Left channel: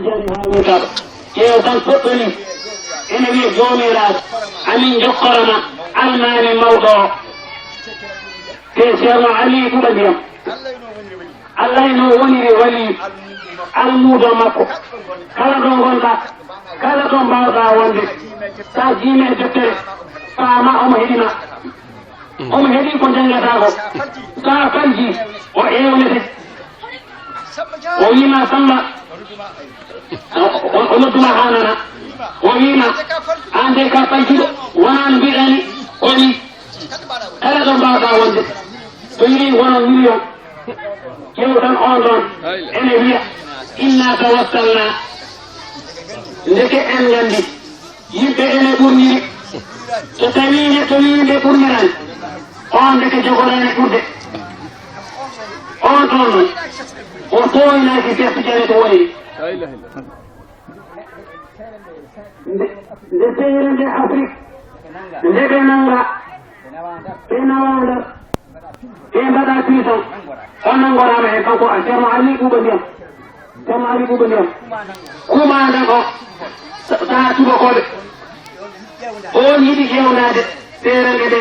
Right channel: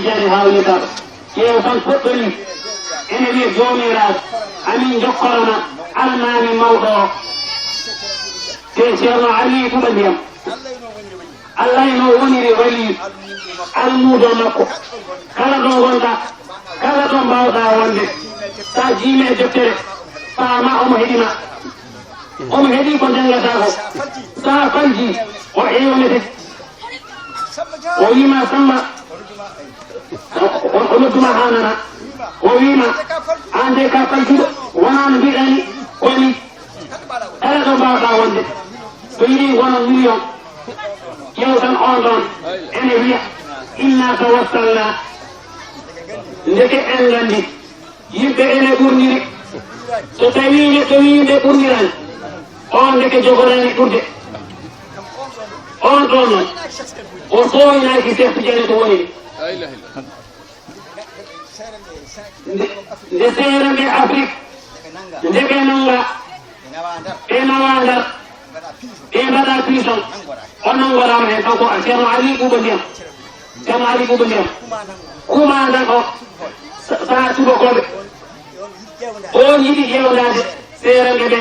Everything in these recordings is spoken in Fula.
tijjani haalnita ƴeew tan poɗɗoni ene wiya joomiraaɗo amin jokkorona almaami mawɗo o te ceerno ali ɗuɗa ndiyam allah eno woniri wali almuudo makko kala ɗo gonɗa kala ɗo mbawɗa wonde sa jiimi e deftere faama omo heɗina omo heeɗi ko jangata ko sa falji o ewnete o wima samba o nodduma ha nana o wima an de ka faltuɗo wona no mbiɗani koni kala ɗo mbawɗa wonde so yiɗi wono million ƴeew tan on ɗon ene wiya inna tawassalna ndeke en gandi yimɓe ene ɓurniri so tawi neɗɗo wi nde ɓurnirani on ndeke jogorani ɓurde on ɗon noon o soynaki Cheikh Tidiane to woni nde seere nde Afrique nde ɓe nanga ɓe nawa ndar ɓe mbaɗa puissant onon gorama hen ɗo ko ceerno ali ɓuuɓa ndiyam ceerno ali ɓuuɓa ndiyam kumandan o saha subakoɓe on yiɗi ƴewnade seerende ɓe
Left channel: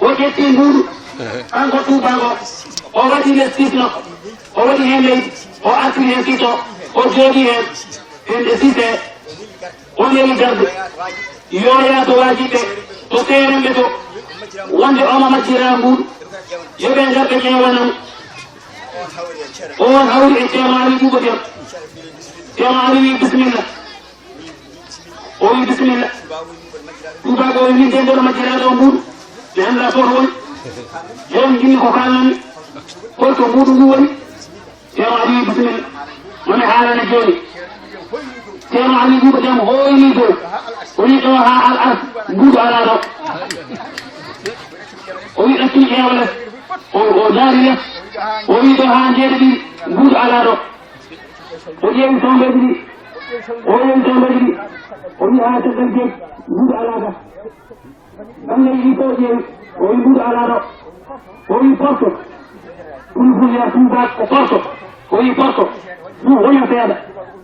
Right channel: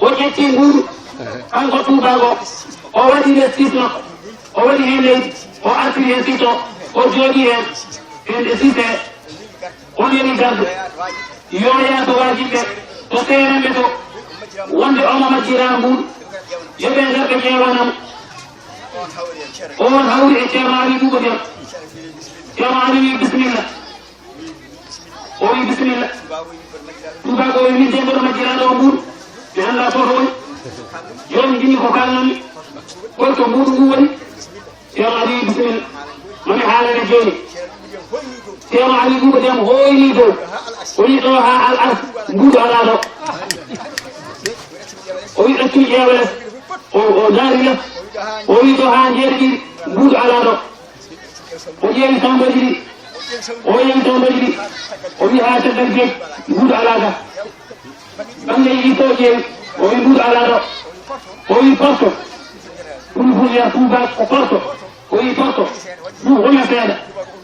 o ƴetti mbuuɗu kanko tuubango o waɗi le sitno o waɗi hen leydi o artiri hen sito o jooɗi hen ende site on yeri garde yoya to wajiɓe to seerende to wonde omo majjira mbuuɗu yoɓe garɓe ƴewanam on hawri e ceerno ali ɓuuɓa ndiyam ceerno ali wi bisimilla o wi bisimilla tubago o wi min de mboɗo majjiraɗo mbuuɗu mi anda toto woni yomi jinni ko kalnami holto mbuuɗu ndu woni ceerno ali wi bisimilla mami haalane joni ceerno ali ɓuuɓa ndiyam hoyni dow woni ɗo ha al as mbuuɗu ala ɗo o wi ɗattini ƴeewa les o daari les o wi ɗo ha jeeɗi ɗiɗi mbuuɗu ala ɗo o ƴeewi tambaji ɗi o yeewi tambaji ɗi o wi ha caggal geej mbuuɗu ala ga bangge yiɗi to ƴeewi o wi mbuuɗu ala ɗo o wi porto ɗum fulya tuubak ko porto o wi porto ɗum wona seeɗa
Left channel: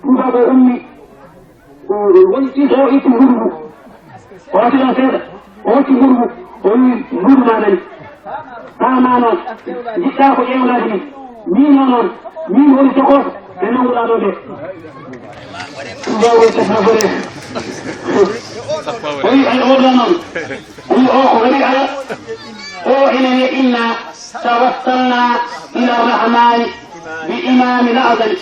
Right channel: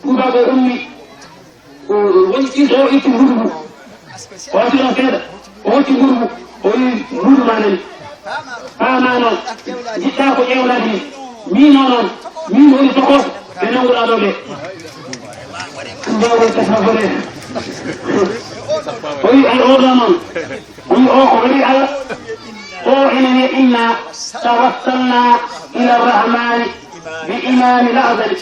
tuubak o ummi woni ɗiɗo o itti mbuuɗu ngu o watino seeɗa o hocci mbuuɗu ngu o wi mbuuɗu ma nani ɓaana noon jiɗɗa ko ƴewnade ni mino noon min woni tokoso ɓe nanguɗa ɗo ɓe jewre tasnafore o wi ay oɗo noon woni o ko waɗi ala o ene wiya inna tawassalna ila rrahmani bi imami l'azali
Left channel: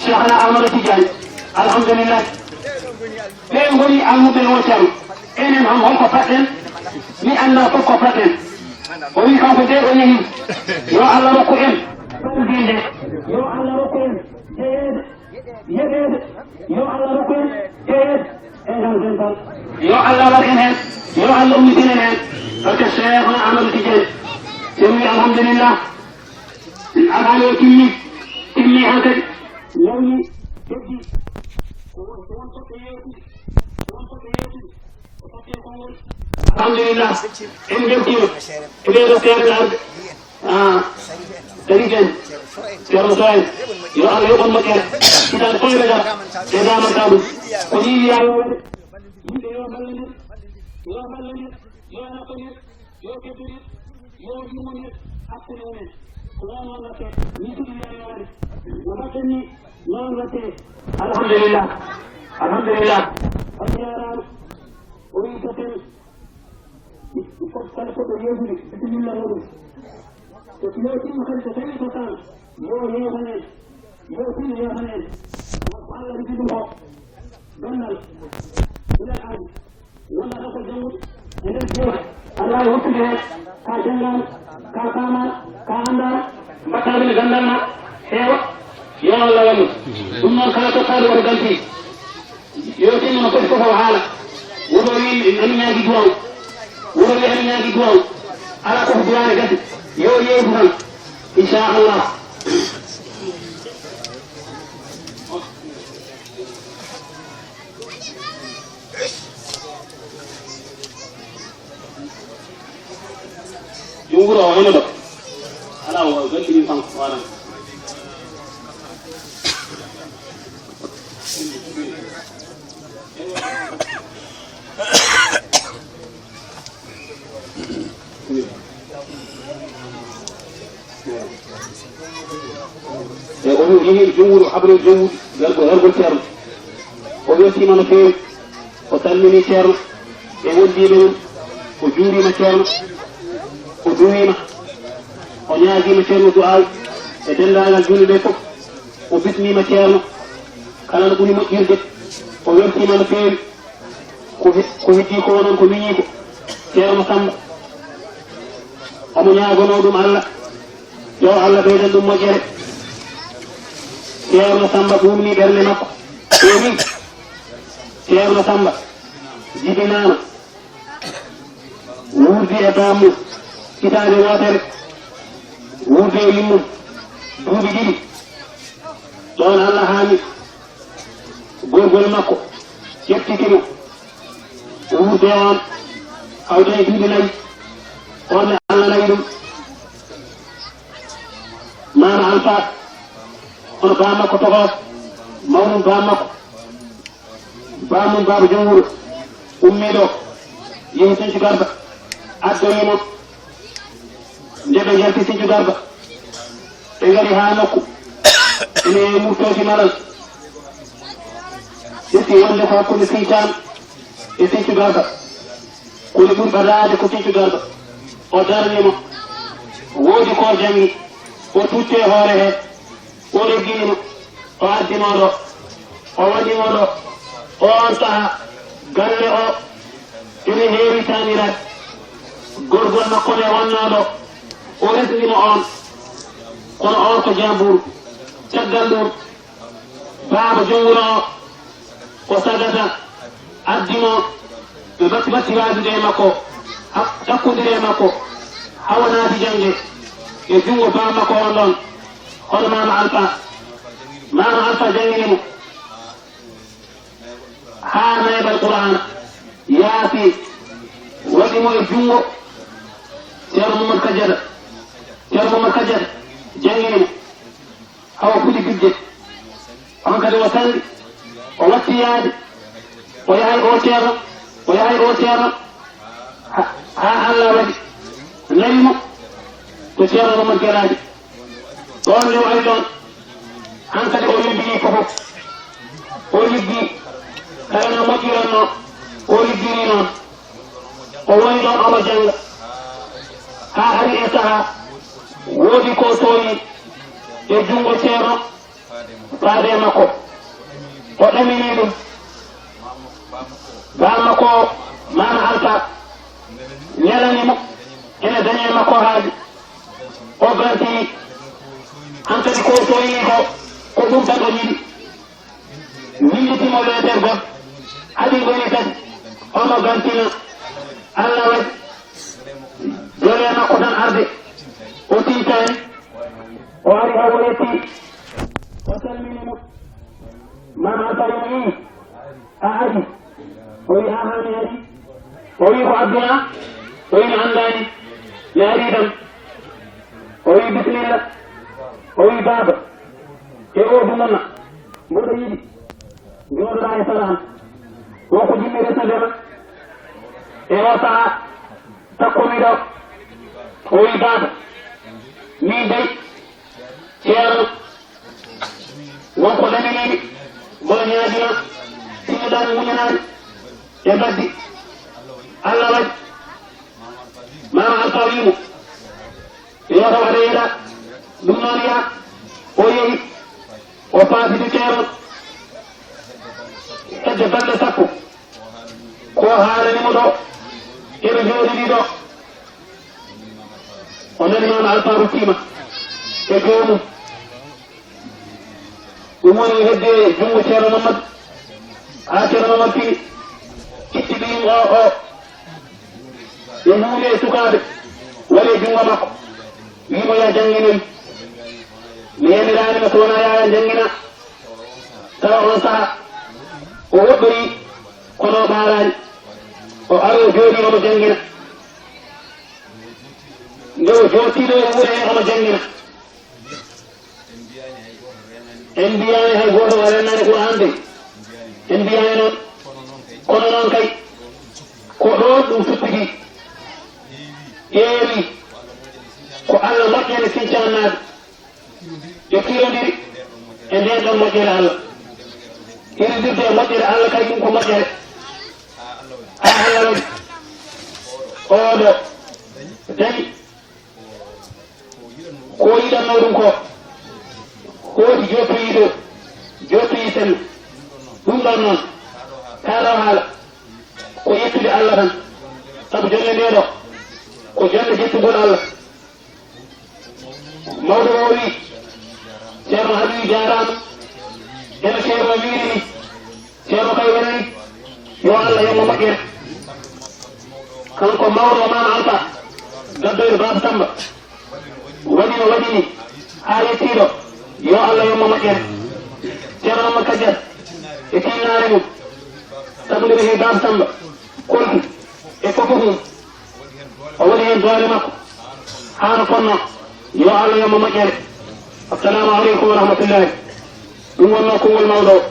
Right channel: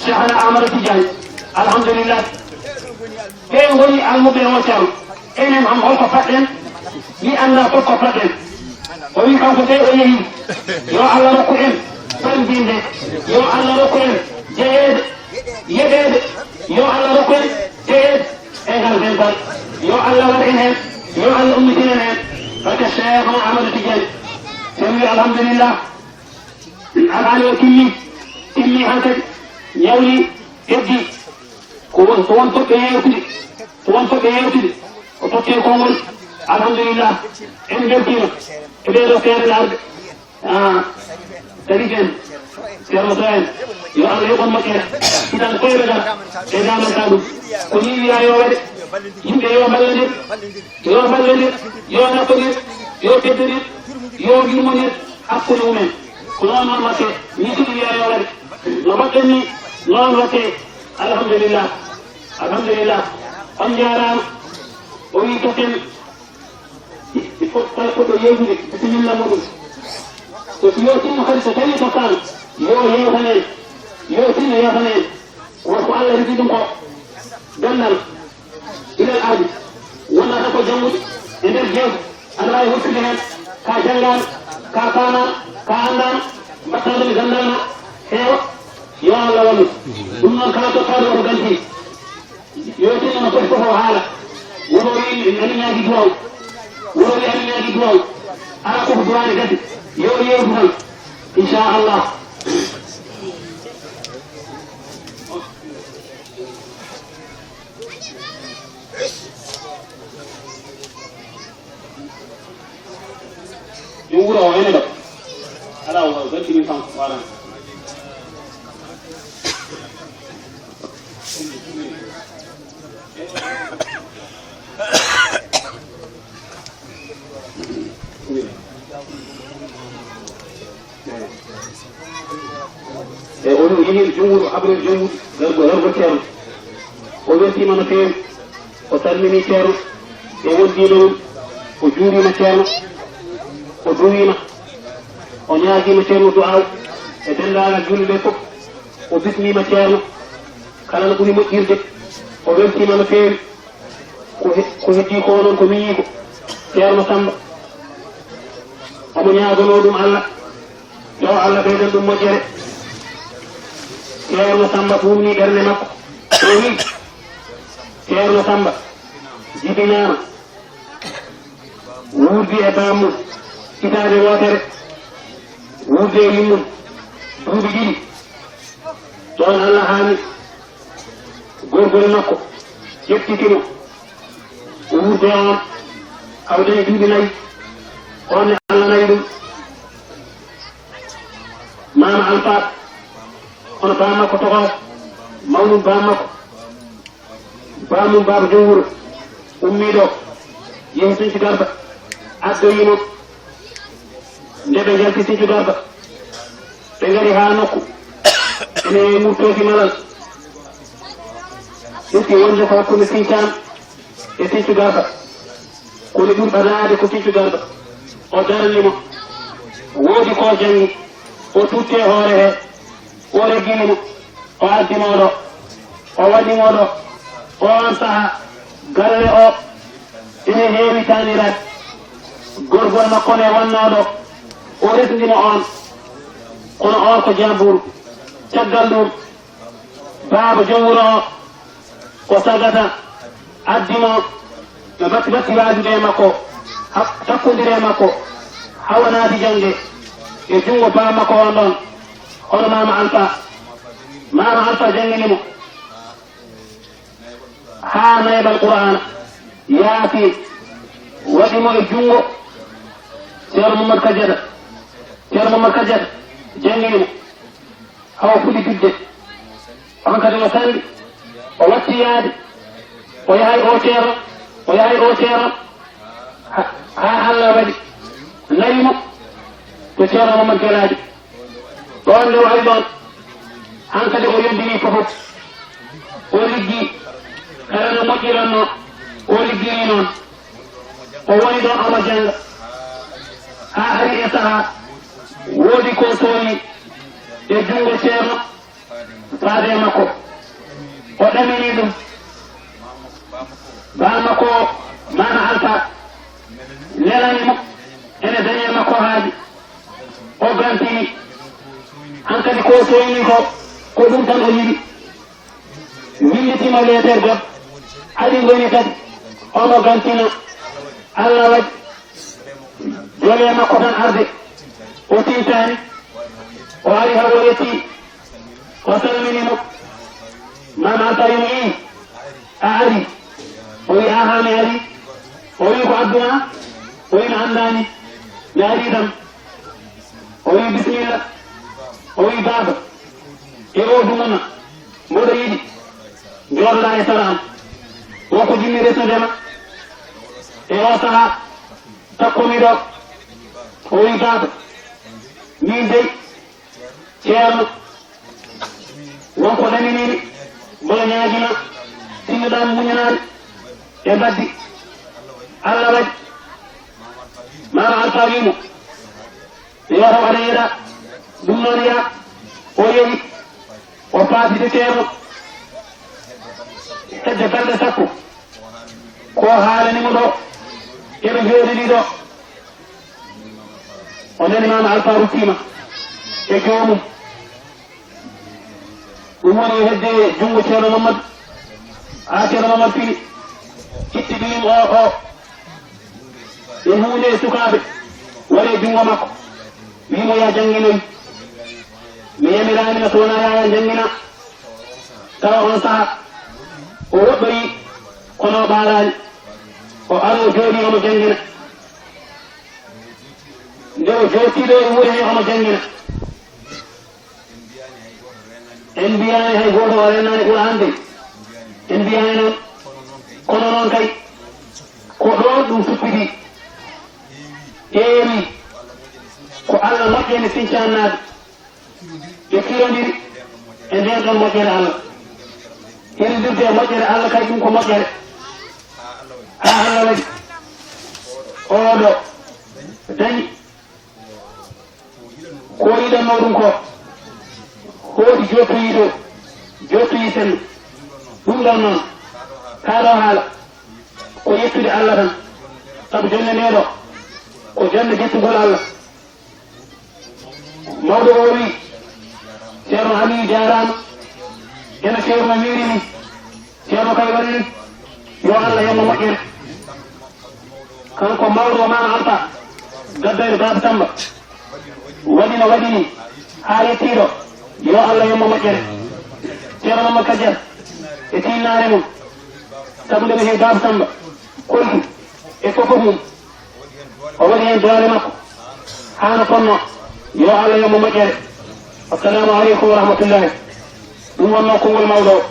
cheikhna amadou tidiane alhamdulillah ɓe woni almuɓe o ceerno enen ham holko paɗɗen mi anda fof ko paɗɗen o wi kanko de o yeehi yo allah rokku en ɓendinde yo allah rokku en jeyeede yeɗeede yo allah rokku en jeyeede e ngal dental yo allah war en heen yo allah ummitinen heen barke cheikh on amadou tidiane sen wi alhamdulillah alhaali o timmi han kadi ñawni heddi ko won toɓɓe yewtude o totte konngol alhamdulillah en beltima e ɓeeɗo seeɗa arde tari ken ceerno to en yo allah yoɓon moƴƴere hitande koyɓe ga ɓe damata ɗum ko ni wiya yo waɗe yimɓe yo ballodir yo naffodir yo teddodir yo yurmodir hakkude mumen ko noon watte ni suɗi wiya yo waɗe no mbaɗɗen ni noon watte alhamdulillah on jarama o wi toten il faut kala koɗo yewtude bisimilla muɗum so yo tinno kadi so tawi to kan yo yewtanen yo tinno yewtanen wonko allah rigi ɗum ko gandal ilal aadi wonnata ko janngude e nder jewte aɗa wawi hokkude hen ka janggama ka fama ka andama mbattade nde gandal ma heewa yo allah wallu ɗum noon kala tottaɗo oto ganti yo tinno no foti koko haala wono wi ami ñaagui duwaw wuro wi ami ñaagui duwaw ala koko duwane gati yo yewtu tan inchallah yo wuro o ene ɗo ala o gantimin tan ko waran ومن جهة الجمهور وحبر الجمهور يرغب تيرو وبيتي من فيم وتلمني تيرو يودي لهم وجوري ما تيرو ودوي ما ونياجي ما تيرو دعاء يتنى على الجنة لكم وبسمي ما تيرو كلا نقول مجير وبيتي من فيم كوهتي كونن كمينيكو تيرو سامبا ومنياغو نودم الله يو الله بيدن دم مجير Ceerno Samba ɗumni ɓernde makko ɓeni Ceerno Samba jibinama wurdi e bammum hitande wotere wurdi e yummum duuɓi ɗiɗi ɗon Allah haami gorgol makko ƴettitimo wurde on hawde duuɓi nayyi onne Allah nayi ɗum mama Alpha kono bamma ko togo mawnum bamma ko bamum baba jowuro ummiɗo yehi Sinthiou Garba addoyimo nde ɓe jalti Sinthiou Garba ɓe ngari ha nokku ene murtoki malal ƴetti wonde ko hakkude Sinthiane e Sinthiou Garba kono ɓurɗa laade ko Sinthiou Garba o darnimo woodi ko jangi o tutte hoore he o reggimo o addimoɗo o waɗimoɗo on saaha galle o ene heewi taniraat gorgol makko nde wonnoɗo o resdimo on kono on ko jamburu caggal ɗum baaba jowuro o ko sagata addimo ɓe batti waadude e makko takkodire e makko hawa naati jangde e jungo baa makko on ɗon hono mama Alpha jangginimo ha naybal Qur'ana yaati waɗimo e jungo Ceerno Mamadou Kadiata jangginimo hawa fuɗi bidde on kadi o sandi o watti yaade o yahay o Ceerno ha Allah waɗi narimo to Ceerno Mamadou Galaji ɗon nde waɗi ɗon han kadi o yondiri fofof o liggi kala no moƴƴiranno o liggiri noon o woni ɗon omo janga ha ari e saaha woodi ko tooñi e jungo Ceerno faade makko o ɗamini ɗum bamma ko mama Alpha nelanimo ene dañe makko haaji o gantini han kadi ko toyni ko ɗum tan o yiɗi winditimo leeter gon adi goni kadi omo gantino Allah waɗi jole makko tan arde o tintani o ari hawo yetti o salminimo mama Alpha yimi a ari o wi a hami ari o wi ko adduna o wi mi andani mi ari tan o wi bisimilla o wi baba e o dumuna mboɗo yiɗi jooɗoɗa e salam wonko jimmi resnudema e o saaha takkomi ɗo o wi baba min dey Ceerno wonko laminiɗi mboɗo ñaagima tinnoɗami muñanade e baddi Allah waɗi mama Alpha wimo yoto waɗa yeeɗa ɗum noon ya o yeeɗi o paaside Ceerno hedde balɗe sappo ko haalanimo ɗo eɓe jooɗiɗi ɗo o nani mama Alpha ruttima e joomum ɗum woni hedde junngo Ceerno Mamadou ha Ceerno Mamadou fini itti ɗum o e hunde e sukaaɓe waɗe junngo makko wimo ya jannginoyi mi yamiranima so wona yaya janngina tawa on saha o woɗɗoyi kono ɓaarani o aro jooɗi omo janngina nde o jortiɗo e wuure he omo janngina en mbiyani hay goto o rennani ɓura hande en mbiyani kono noon kay ko ɗon ɗum futtigi ƴeewi ko Allah moƴƴene sincannade ɓe kirondiri e nden ɗon moƴƴere Allah iridirde e moƴƴere Allah kay ɗum ko moƴƴere a Allah waɗi oɗo dañi ko yiɗanno ɗum ko hooti jottoyi ɗo jottoyi tan ɗum ɗon noon kaɗo haala ko yettude Allah tan sabu jonde nde ɗo ko jonde jettugol Allah mawɗo o wi ceerno Aliou jarama ene ceerno wirini ceerno kay wonni yo Allah yemmo moƴƴere kanko mawɗo mama Anta gaddoyde Baba Samba waɗini ha yettiɗo yo Allah yemmo moƴƴere ceerno Mamadou Kadiat e tinnare mum sabu nde he Baba Samba koltu e fof mum o waɗi hen doole makko hano fonno yo Allah yemmo moƴƴere assalamu aleykum wa rahmatullahi ɗum wonno kongol mawɗo o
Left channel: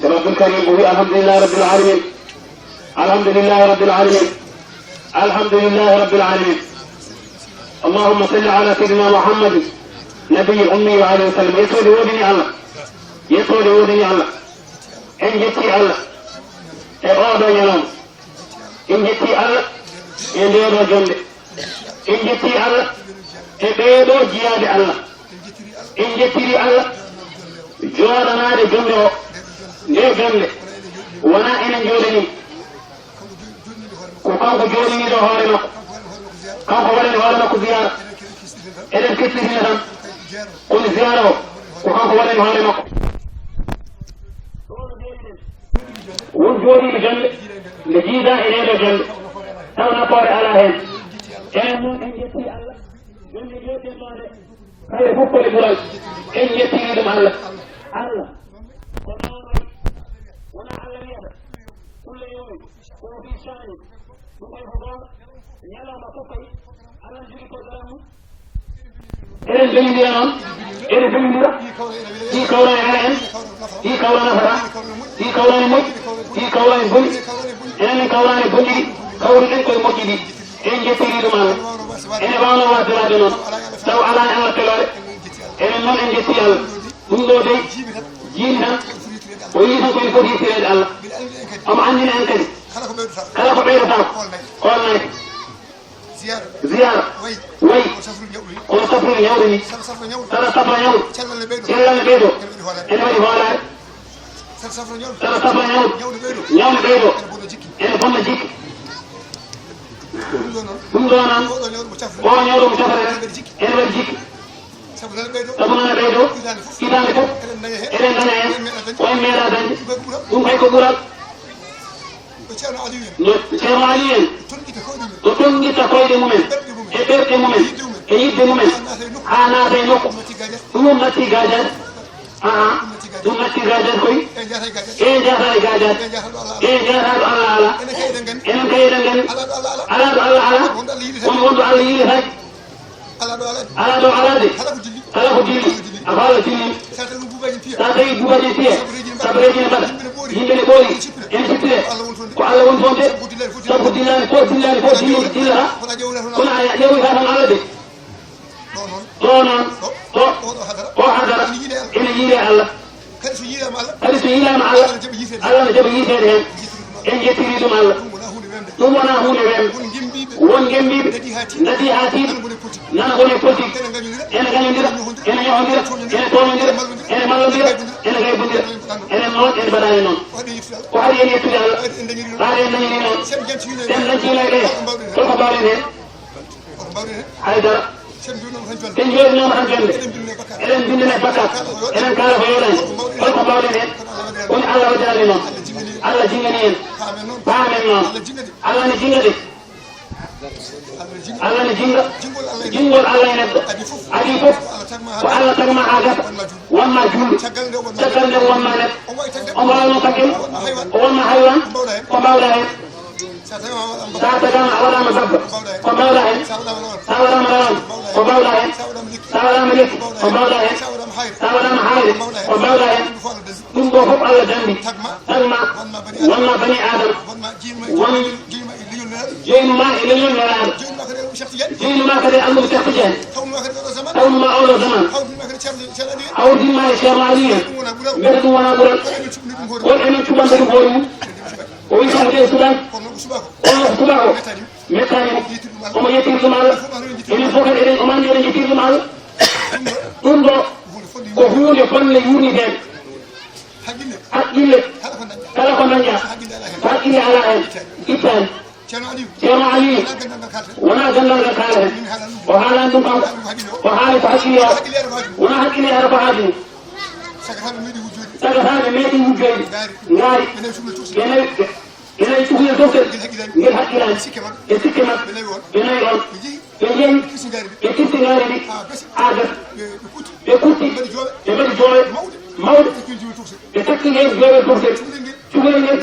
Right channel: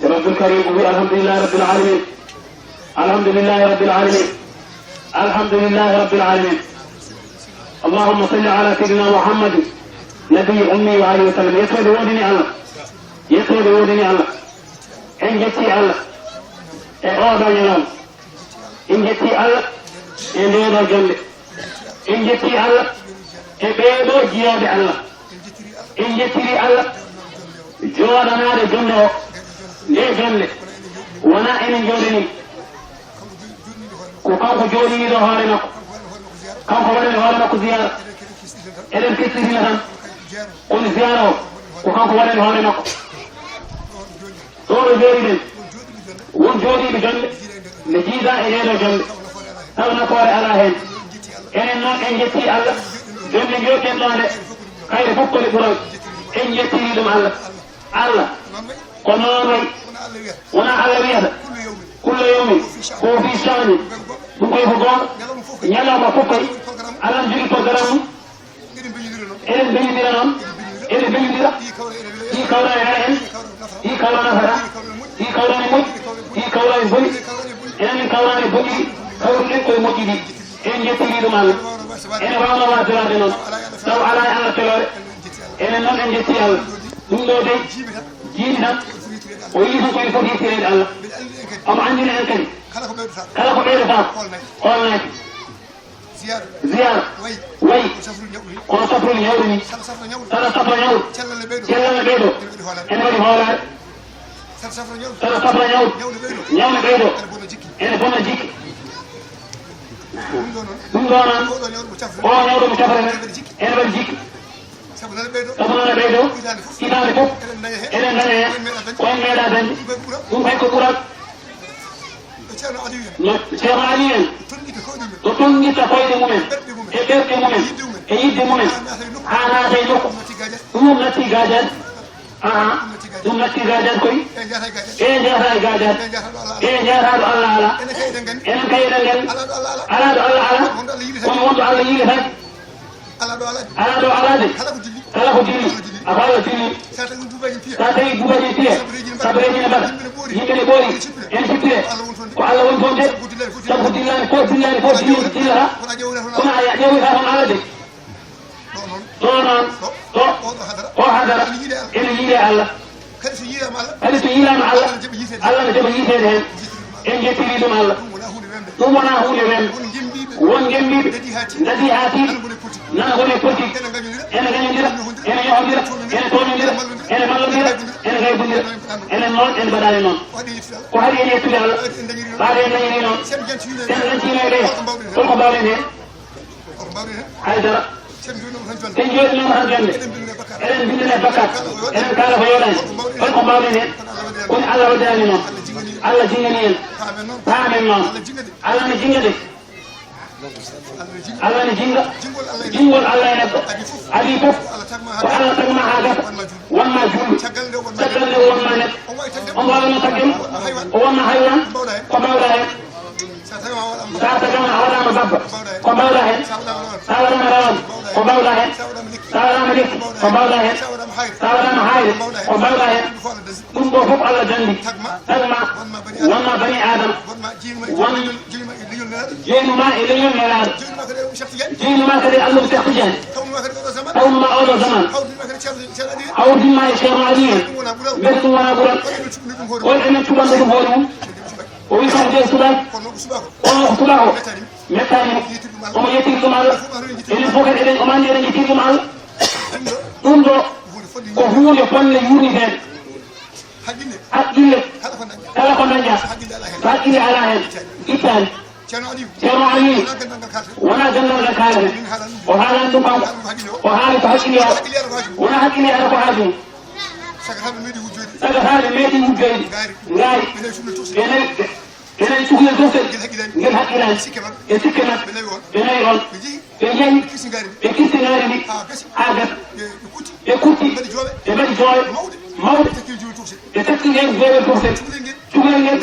جناب الكريم وهي الحمد لله رب العالمين الحمد لله رب العالمين الحمد لله رب العالمين اللهم صل على سيدنا محمد نبي الأمي وعليه وسلم يسود ودني الله يسود ودني الله إن جتي الله أعوذ يوم إن جتي الله إن ديرو جنب إن جتي الله إبيدو جياد الله إن جتي الله جوانا جنب ليه جنب ونا إن جودني وكان جودني ده هارنا كان هو هارنا كزيارة إذا كنت هنا قل زيارة وكان هو هارنا صور جودي وجودي بجنب لجيزة إلى جنب أو نقار على هذا إن نون إن جتي الله جنب جوك الله خير فوق الفرج إن جتي لهم الله الله قناعي وانا على بيها كل يوم هو في شان بقول فقط يلا ما فكر على نجري فقرام إلى بيديران إلى بيديران هي كولا يعلم هي كولا نفرا هي كولا يموت هي كولا يبني إلى كولا يبني كولا يكوي مجدي إن جتيري دمان إن بانا وارجلا دمان سو على الكلام إن نون إن جتيال دم دودي جينا ويجب أن يكون في الله أم عندنا أنكني خلق بير صاف قلنا زيارة وي وسفر يورني سفر يور كلا البيدو إنما يهولا سفر يور بيدو إن بنا جيك دونان قولا يور مسافر إن بنا sabuna bedo idani fuf elen dañe koye meeɗa dañde ɗum kay ko ɓurat ceerno Aliou en to tonguita koyɗe mumen e ɓerɗe mumen e yidde mumen ha naata e nokku ɗum natti gadiat ɗum natti gadiat koy e jata e gadiat e jataɗo Allah ala enen kay eɗen gandi ala ɗo Allah ala wonɗo Allah yiili tan ala ɗo alade kala ko dilli afala dilli sa tawi buubaji piya sabreji mbaɗa yimɓe ne ɓoori ene sippire ko Allah woni toon de sabu dillani ko dillata kono a ƴewita toon alade ɗo noon o hadara ene yiide Allah kadi so yiidama Allah Allah ne jaɓa yiitede hen en jettiri ɗum Allah ɗum wona hunde wemde won gembiɓe dadi ha tiiɗi nana woni politique ene gañodira ene yohodira ene toñodira ene mallodira ene gaybodira enen noon en mbaɗani noon ko haɗi en yettude Allah haade en dañiri noon sen lancinoy ɗe holko mbawɗen hen haydara sen joɗinoma tan jonde eɗen bindine bakkat enen kala ko yoɗani holko mbawɗen hen woni Allah waddani noon Allah jingani en paamen noon Allah ne jinga de Allah ne jinga jingol Allah e neɗɗo adi fof ko Allah tagma ha gasa wonma juuɗe caggal nde wonma neɗɗo on wawno tagge o wonma haywan ko mbawɗa hen satagama a waɗama babba ko mbawɗa hen sa waɗama lawan ko mbawɗa hen sa waɗama lekki ko mbawɗa hen sa waɗama hayre ko mbawɗa hen ɗum ɗo fof Allah dandi tagma wonma bani adama jeenuma e leñol nelaɗo jeenuma kadi Amadou Cheikh Tidiane tawnuma oɗo zaman awdinma e ceerno Ali en mbete ɗum wona ɓural won enen cuɓande ɗum hoore mum o wi kamɓe suɓaki ono ko suɓako mettani omo yettiri ɗum Allah enen fof kadi eɗen omandi eɗen yettiri ɗum Allah ɗum ɗo ko hunde fonde yurnitede haqqille kala ko dañƴa so haqqille ala hen ittani ceerno Aliou wona gandal ngal kaleten o haalani ɗum kanko o haali ko haqqille o wona haqqille ara ko haajum sagataɓe meeɗi wujjoyde ngaari enen cukalel doftel ngel haqqilani e sikke mabɓe ɓe nawi on ɓe jeeyi ɓe kirsi ngaari ndi ha gasa ɓe kutti ɓe mbaɗi jooɓe mawɗe ɓe takki hen joowel toftel cukalel ngel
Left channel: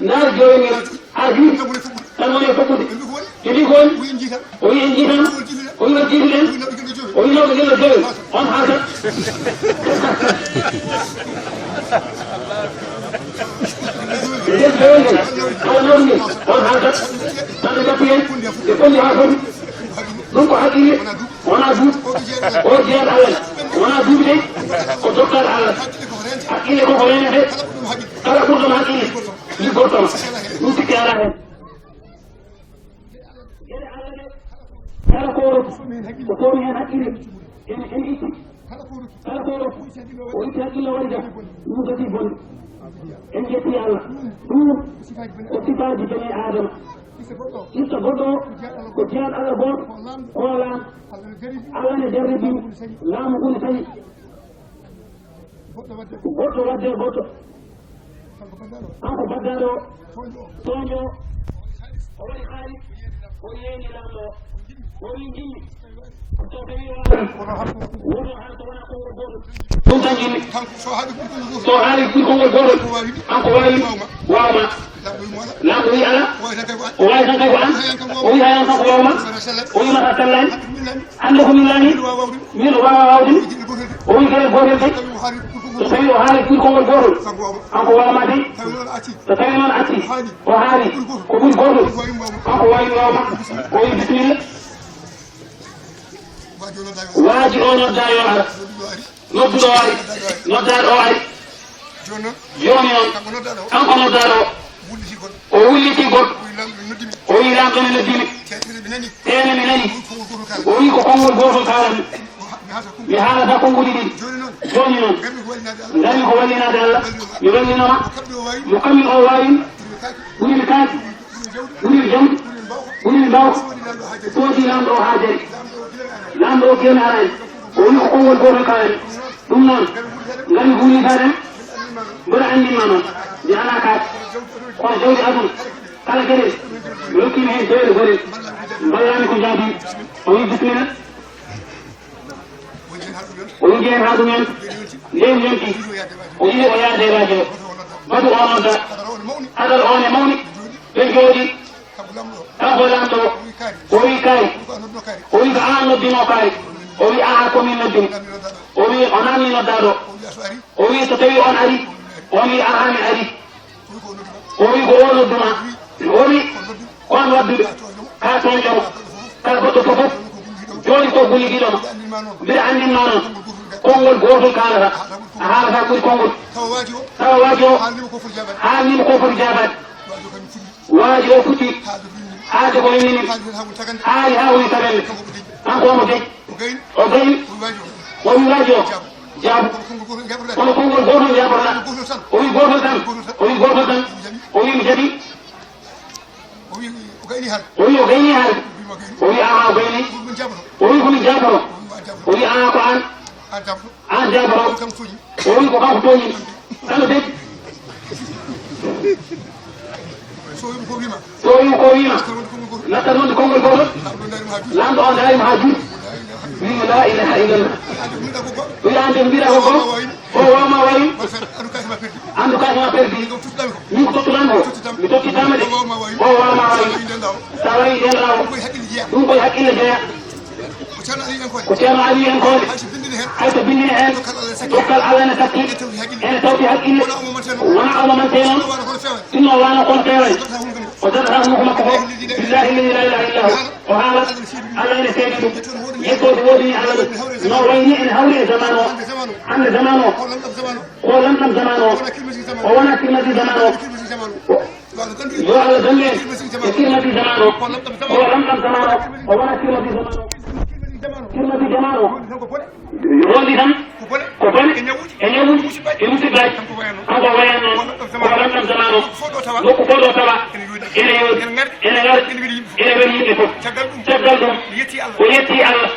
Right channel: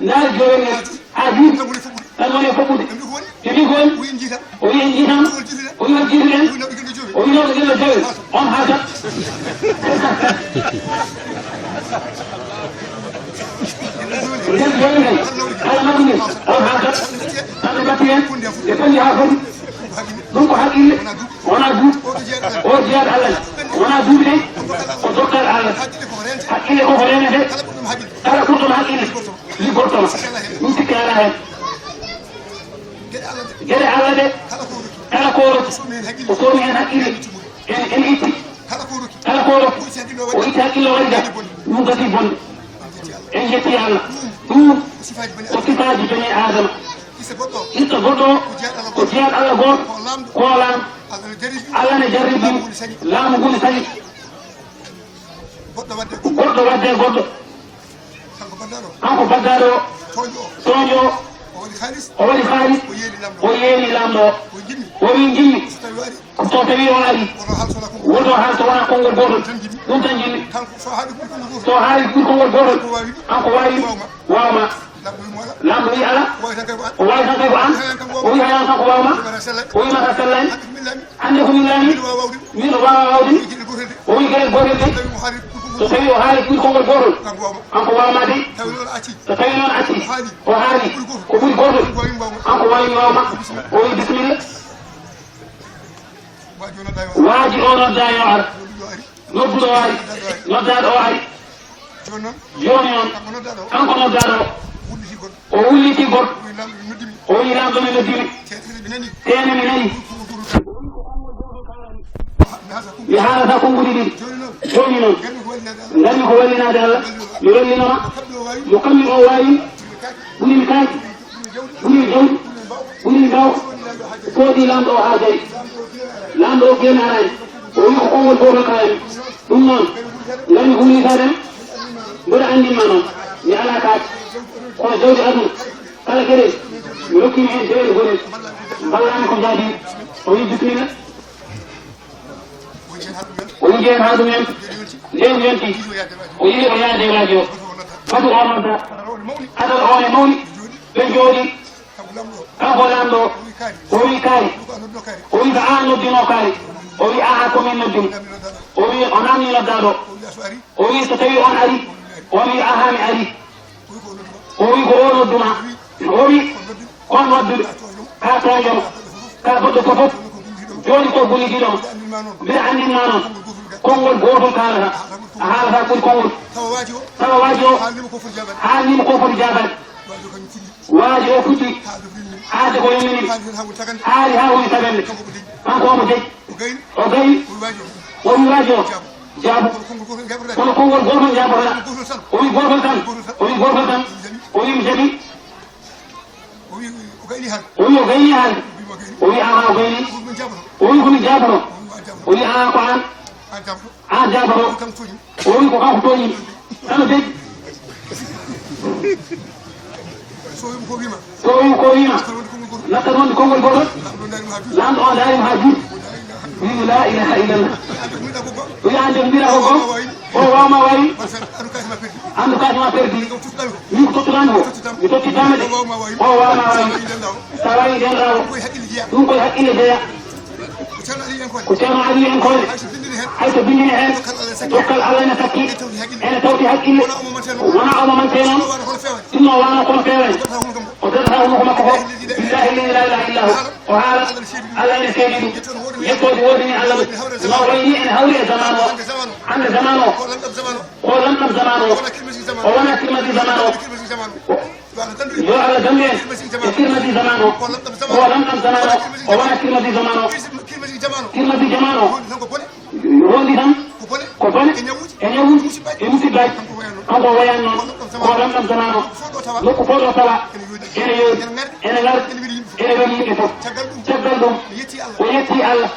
ndaari joowel ngel ha juuɗi tan woni e fobɓude ɓe mbi ko woni o wi en jiitan o wi on jiituɗen o wi nawɓe gelle joowel on haatan nden joowel ngel ala nawɗi ngel on haatan tanɓe gatti hen ɓe fondi ha foti ɗum ko haqqille wona duuɓi o jeyaɗo Allah wona duuɓi ɗen o dottaɗo Allah haqqille koko renete kala ɓurɗoma haqqille liggotomo ɗum sikki ala hen gueɗe Allah ɗe kala ko rokki o somi hen haqqille en itti kala ko rokki o itti haqqille o waɗi ɗum gati bonde en jetti Allah ɗum ko sifaji bani adama ista goɗɗo o ko jeyaɗo Allah goto ko laam Allah ne jarribimo laamu ngu ne sañi goɗɗo wadde goɗɗo kanko baddaɗo o tooño o waɗi haalis o yeeni lamɗo o wi jimmi so tawi o ari woto haal so wona konngol gotol ɗum tan jimmi so haali ɓuri konngol gotol kanko wawi wawma lamɗo wi ala o wawi tan kay ko an o wi hayan kanko wawma o wi mata sellani hande ko min laami min o wawa wawde o wi gueɗel gotel de so tawi o haali ɓuri konngol gotol kanko wawma de so tawi noon acci o haali ko ɓuri gotol kanko wawi wawma o wi bisimilla waaji o nodda yo ar nodduɗo o ari noddaɗo o ari joni noon kanko noddaɗo o wulliti goɗɗo o wi lamɗo ne noddimi tene mi nani o wi ko konngol gotol kalami mi haalata konnguli ɗiɗi joni noon gandi ko wallinade Allah mi wallinoma mo kammin o wawin ɓurimi kaaki ɓurimi jawdi ɓurimi bawko soodi lamɗo o ha jari lamɗo o kene arani o wi ko konngol gotol kalami ɗum noon ngami hullitaden mboɗa andinma noon mi ala kaake kono jawdi aduna kala gueɗel mi rokkimi hen jawɗe goɗel ballami ko jaadi o wi bisimilla o wi jehen ha ɗum en leydi yonti o yii o yaade radio o fatu o nodda adal on e mawni ɓe jooɗi kanko lamɗo o wi kaari o wi ko an noddino kaari o wi aha komin noddumi o wi o namni noddaɗo o wi so tawi on ari on wi aha mi ari o wi ko o nodduma o wi kon wadduɗo ka toñɗomo ka goɗɗo fofof joni ko gullidiɗomo mbiɗa andinma noon konngol gotol kalata a haalata ɓuri konngol tawa waaji o haalnima ko foti jabade waaji o fuɗɗi haalde ko lemini haali ha woni tagande kanko omo deƴ o gayi o wi waaji o jaabu kono konngol gotol jaboɗa o wi gotol tan o wi mi jaɓi o wi o gayni haalde o wi ama o gayni o wi komi jabono o wi a ko an jaboto o wi ko kanko toñimi tan deƴ so wi ko wima natta noon konngol gotol lamɗo o darima ha juuɗe wimi la ilaha illallah wi ande ko mbiɗa ko gol o ma wari andu ka ma perdi ni ko tulango mi to tidamde o ma wari sawai den rawo dum koy hakkille jeya ko ceerno ali en koy hayso bindini hen dokkal allah ne sakki ene tawti hakkille wona omo man teno inno wana kono fewani ko data hono ko makko ko billahi la ilaha illa hu o haala allah ene seedi ɗum yettode wodini allah ɗum no wayni ene hawri e zaman o hande zaman o ko lamɗam zaman o o wona kirmadi zaman o yo Allah dande e kirmadi zaman o ko lamɗam zaman o o wona kirmadi zaman o kirmadi zaman o rondi tan ko bone e ñawuji e musibaji kanko wayani ko lamɗam zaman o nokku foɗo tawa ene yoodi ene ngari ene waɗi yimɓe fof caggal ɗum o yetti Allah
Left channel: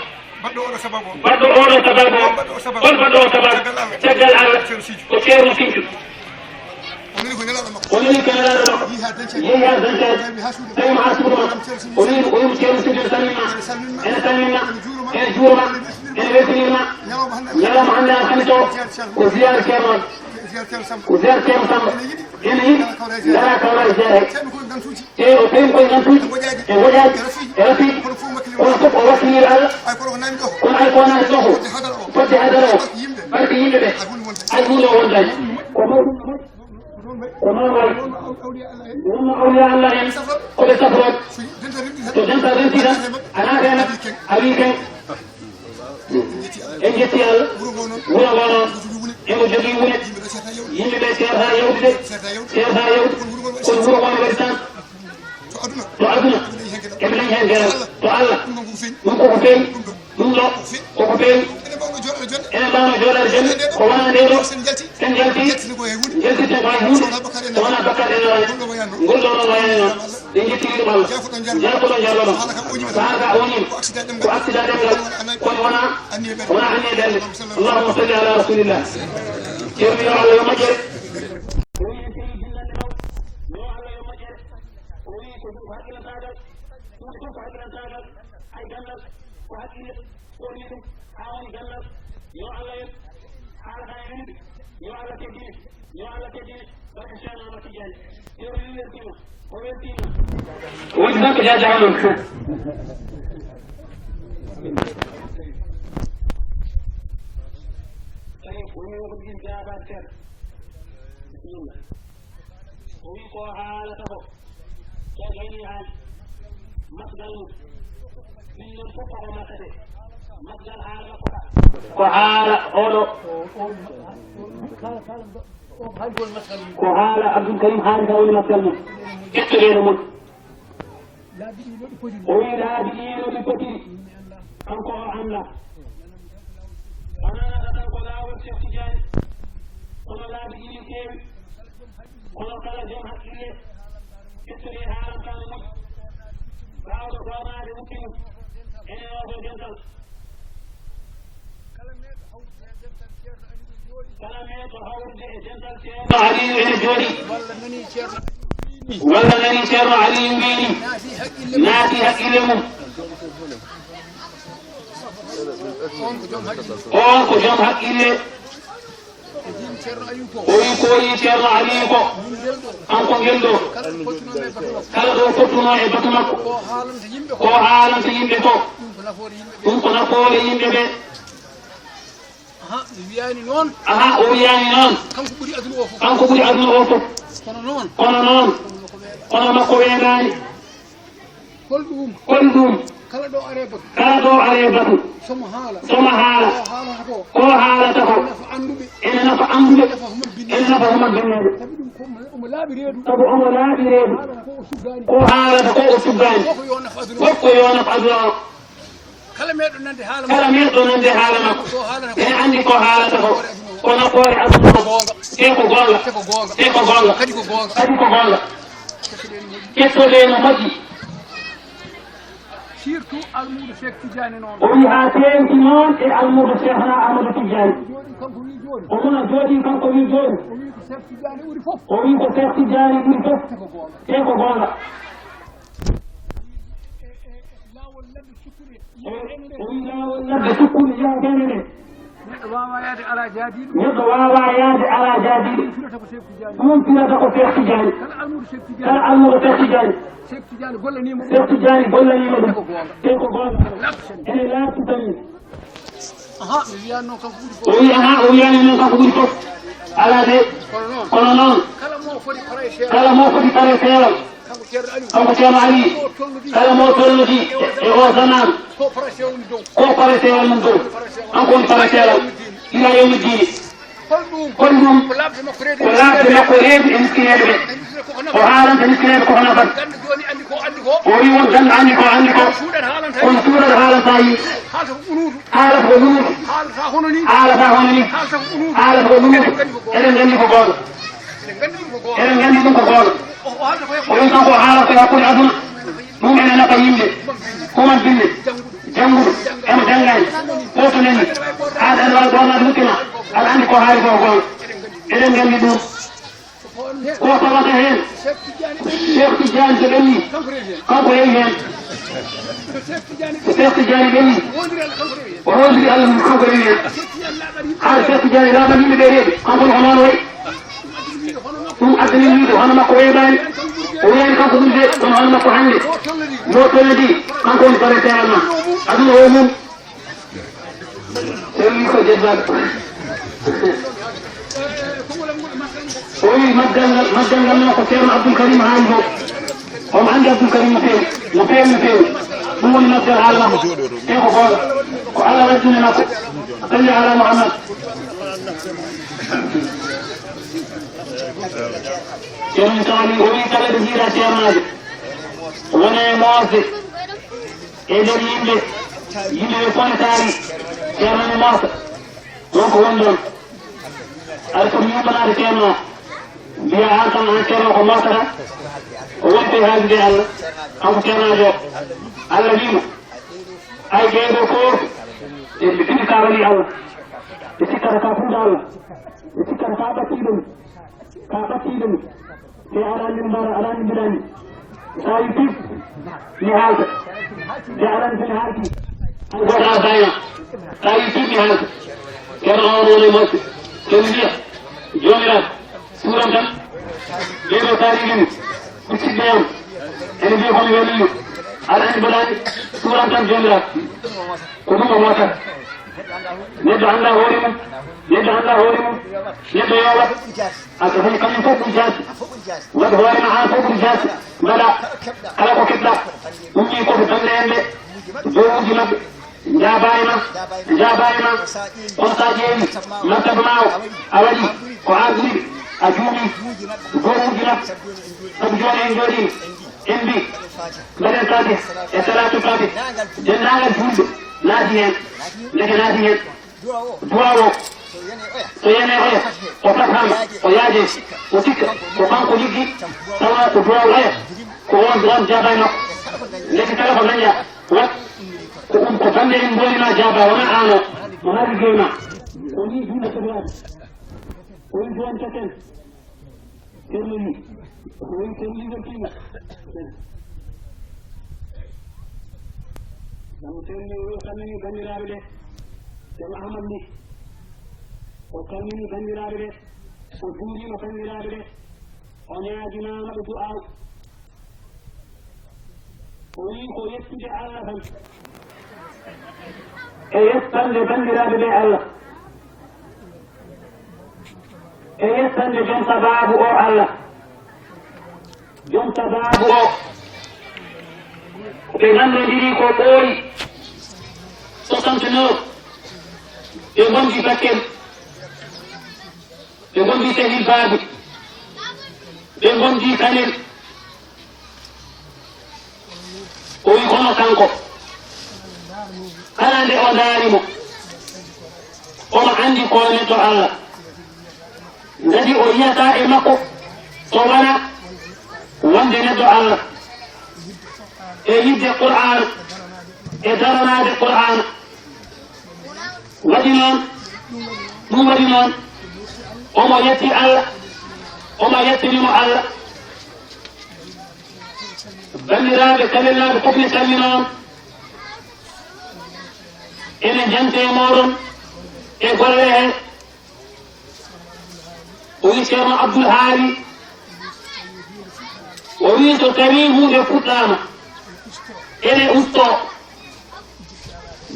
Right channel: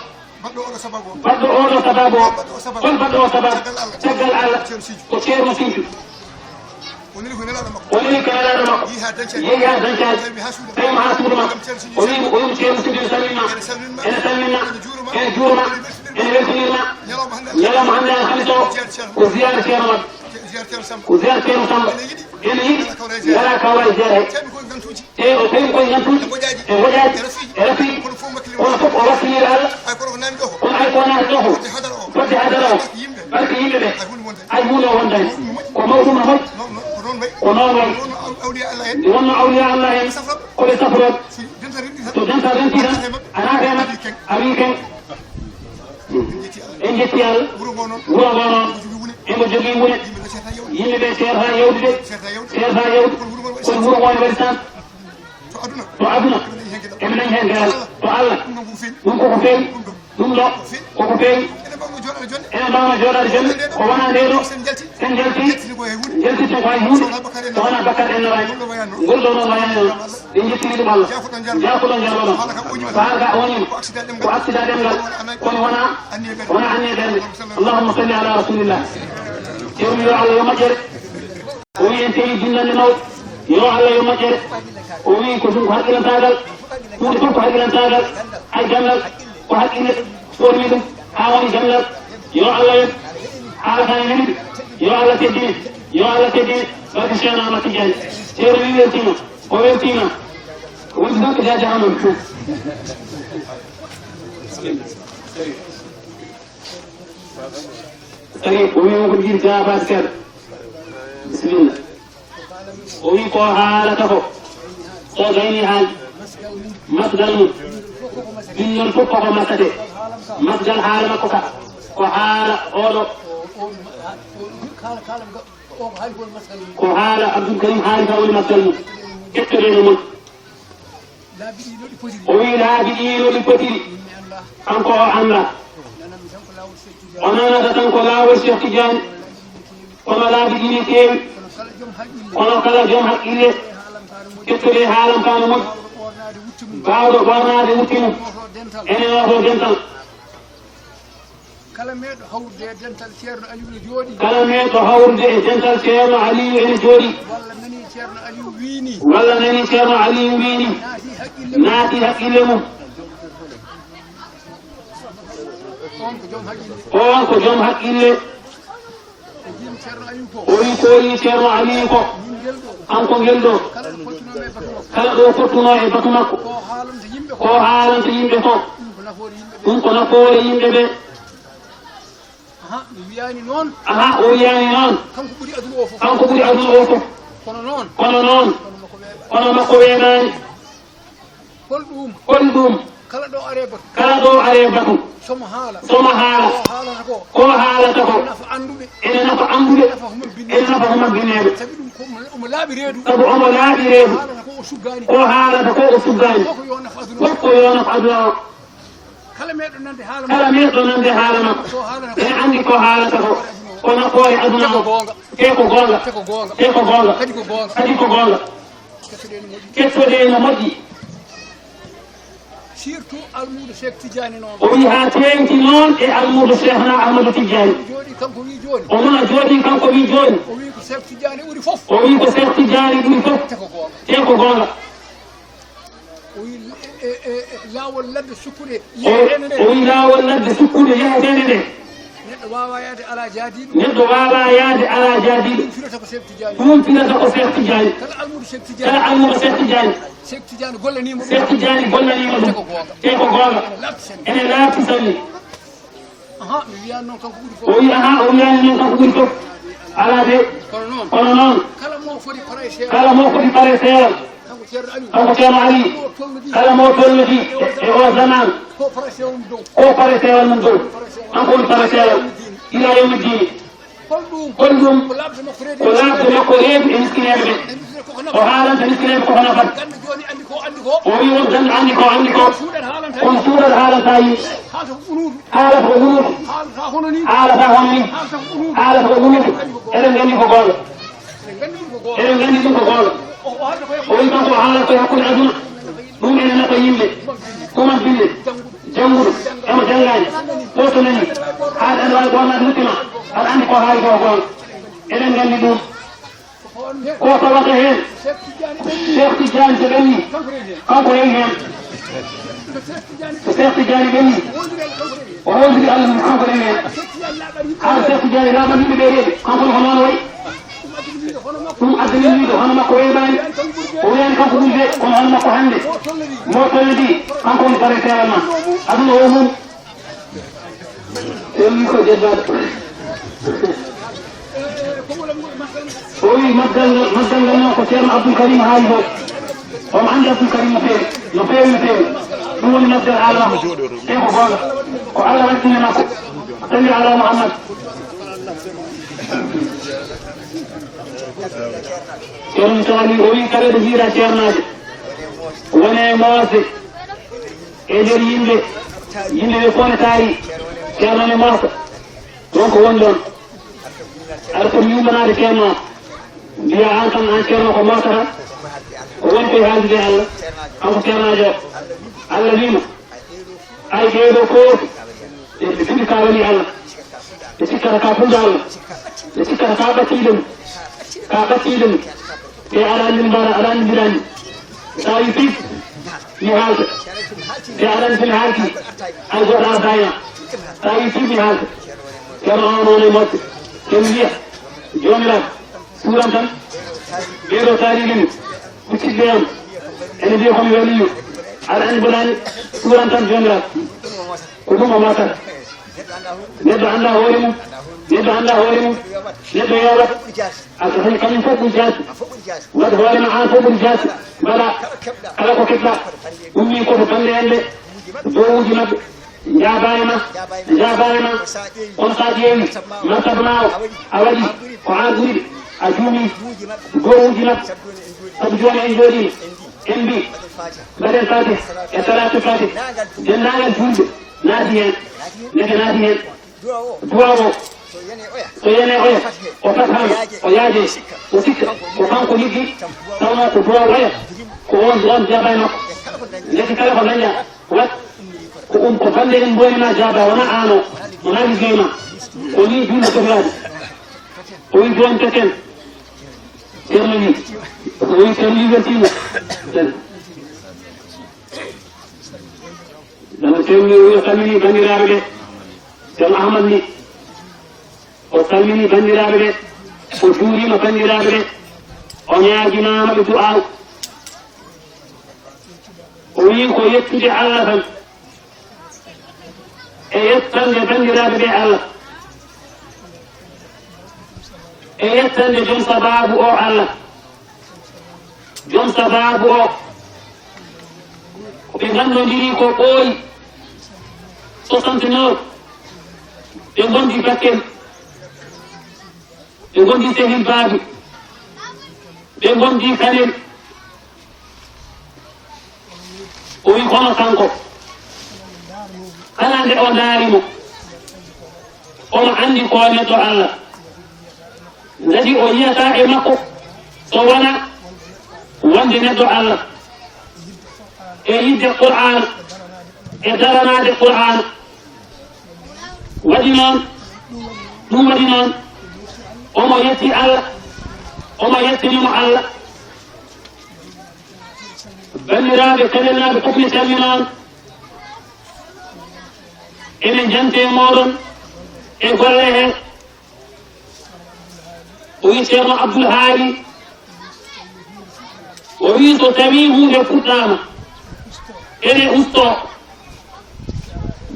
baɗɗo oɗo sababu on baɗɗo oɗo sababu on baɗɗo o sababu caggal Allah ko ceerno Sinthiou woni ko nelaɗo makko yeehi ha dañcaji tawima ha suudu makko o wimo ceerno Sinthiou salminma ene salminma ene juurma ene weltinirma ñalawma hande an hande to ko ziyara ceerno wadde ko ziyara ceerno Samba ene yiɗi gara kawlade jeere he e o tawi koye gantuji e goƴaji e rafiiji kono fof o wassinire Allah kono ay ko naata ɗo ko fodde hadara o barke yimɓe ɓe ay hunde o wondani ko mawɗuma hol ko noon wayi wonno awliya Allah en koɓe safroɓe so dental renti tan a naata hen a wi ken en jetti Allah wuro ngo noon emo jogui wune yimɓe ɓe serta yewdude serta yewde kono wuro ngo ne waɗi tan to aduna eɓe dañi hen geral to Allah ɗum koko feewi ɗum ɗo koko feewi ene mbawno joɗade jonde ko wona nde ɗo sen jalti jeltite ko hay hunde so wona Bakar en noray ngol ɗo noon wayani noon ɓe jettiri ɗum Allah jafoɗon jarloɗon haala ka wonima ko accident ɗemgal kono wona anni e ɓerde allahumma salli ala rasulillah ceerno yo Allah yo moƴƴere o wi en tewi jinnande mawɗo yo Allah yo moƴƴere o wi ko ɗum ko haqqilantagal hunde fof ko haqqilantagal hay gandal ko haqqille ɓormi ɗum ha woni gandal yo Allah yen haalata e neliɗo yo Allah teddini barke Cheikh Ahmad Tidiane ceerno wi weltima o weltima o wiɗi tan ko jajahay noon tagi o wima ko jiɗi jabade seeɗa bisimilla o wi ko haalata ko so gayni haalde masgal mum ɗum noon fof koko makkate masgal haala makko ka ko haala oɗo ko haala Abdoul Karim haali ka woni masgal mum ƴettoɗeno mon o wi laabi ɗi ɗi potiri kanko o anda o nanata tan ko laawol Cheikh Tidiane kono laabi ɗi keewi kono kala joom haqqille ƴettude haalam kano moƴƴi bawɗo ɓornade wuttimo ene woto dental kala meeɗo hawrude e dental ceerno Aliou ne jooɗi ene jooɗi walla nani ceerno Aliou wiini naati haqqille mum on ko joom haqqille o wi ko yi ceerno Aliou ko kanko ngel ɗo kala ɗo fottuno e batu makko ko haalanta yimɓe ko ɗum ko nafoore yimɓe ɓe o wiyani noon kanko ɓuuri aduna o fof kono noon kono makko weeɓani kol ɗum kala ɗo are batu somo haala ko haalata ko ene nafa anduɓe ene nafa humabbineɓe sabu omo laaɓi reedu ko haalata ko o suggani fof ko yo nafa aduna o kala meɗo nande haala makko ene andi ko haalata ko kono koore aduna ko te ko gonga kadi ko gonga kettoɗeno moƴƴi surtout almudo Cheikh Tidiane noon o wi ha tewti noon e almudo Cheikhna Ahmadou Tidiane o mona jooɗi kanko wi joni o wi ko Cheikh Tidiane ɓuuri fof te ko gonga o wi laawol ladde sukkude yehetene nde neɗɗo wawa yaade ala jaadiɗo ɗum finata ko Cheikh Tidiane kala almuɗo Cheikh Tidiane Cheikh Tidiane gollanima ɗum te ko gonga ene laati sanni o wi aha o wiyani noon kanko ɓuuri fof ala de kono noon kala mo foti pare seeɗa kanko ceerno Ali kala mo tolloti e o zaman ko pare seeɗa mum dow kanko woni pare seeɗa ila yawmi dini kon ɗum ko laabde makko reebi e miskineɓe ɓe o haalanta miskineɓe ko hono fat o wi won janɗo andi ko kono suuɗat haalanta yimɓe haalata ko ɗumuɗo haalata hono ni haalata ko ɗumuɗo eɗen gandi ko gooƴo eɗen gandi ɗum ko gooƴo o wi kanko haalata ko hakkude aduna ɗum ene nafa yimɓe kuman bille jannguɗo emo janngani foto nani aɗa andi wawi gonade mukkima aɗa andi ko haali ko gooƴo eɗen gandi ɗum ko tawata hen Cheikh Tidiane so ɓenni kanko rewi hen Cheikh Tidiane ɓenni o wondiri Allah mum kanko rewi hen haɗa Cheikh Tidiane laɓan yimɓe ɓe reeɓe kanko ko noon wayi ɗum addani wiide hono makko weeɓani o wiyani kanko ɗum de kono hono makko hannde mo tollidi kanko woni pare seeɗa ma aduna o mum so wi ko jeddaɗo o wi maggal ngal noon ko ceerno Abdoul Karim haali fof omo anndi Abdoul Karim no feewi ɗum woni maggal haala makko te ko gonga ko Allah waddini makko salli ala Muhammad ceerno Sali o wi kala ɗo jiira ceernajo wone moosde e nder yimɓe ɓe kone taari ceerno ne moosa ɗon ko woni ɗon aɗa foti yumbanade ceerno mbiya an kam an ceerno ko mootata o woni koye haaldude Allah kanko ceernajo Allah wimo ay ɓeeɗo fof ɓe siki ka wali Allah ɓe sikkata ka fuɗɗo Allah ɓe sikkata ka ɓattiɗum te aɗa andi mbara aɗa andi mbiɗani sa wi pip mi haalta te aɗa andi somi haalti hay goto ala dayna sa wi pip mi haalta ceerno on woni moƴƴo somi mbiya jomiraɗo suran tan ɓeeɗo taarigini ɓiccitɓe on ene mbiya komi werniyo aɗa andi mbaɗani suran tan jomiraɗo ko ɗum o motata neɗɗo annda hoore mum neɗɗo yowat aka tawi kañum fof ɓuri jaasi waɗa hoorema an fof ɓuri jaasi mbaɗa kala ko keɓɗa ɗum wi koto bande en ɓe jowuji maɓɓe jaaba e ma on sa ƴeewi martaba ma o a waɗi ko arduɗi a juumi gowuji maɓɓe sabu joni en jooɗi en mbi mbaɗen fatiha e salatu fatiha dendagal julɓe naati hen neke naati hen duwa o so yene oya o fatama o yaaje o sikka ko kanko liggi tawa ko duwa oya ko on jaaba e makko neke kala ko dañƴa wat ko bande en bonima jaaba wona an o wona liggey ma ko ni juuɗe sohlade o wi joni token ceerno wi o wi ceerno libertino dama ceerno wi o salmini bandiraɓe ɓe ceerno Ahmad ni o salmini bandiraɓe ɓe o juurima bandiraɓe ɓe o ñaaginama ɓe du'aw o wi ko yettude Allah tan e yettande bandiraɓe ɓe Allah e yettande joom sababu o Allah joom sababu o ɓe gandodiri ko ɓooyi 69 ɓe gondi Bakel ɓe gondi Sehil Baabi ɓe gondi Kanel o wi kono kanko kala nde o daarimo omo andi ko neɗɗo Allah ngadi o yiyata e makko so wona wonde neɗɗo Allah e yidde Qur'an e daranade Qur'an waɗi noon ɗum waɗi noon omo yetti Allah omo yettinimo Allah banniraaɓe kalelnaaɓe fof ne calli noon enen jante moɗon e golle heen o wi ceerno Abdoul Haali o wi so tawi hunde fuɗɗama ene usto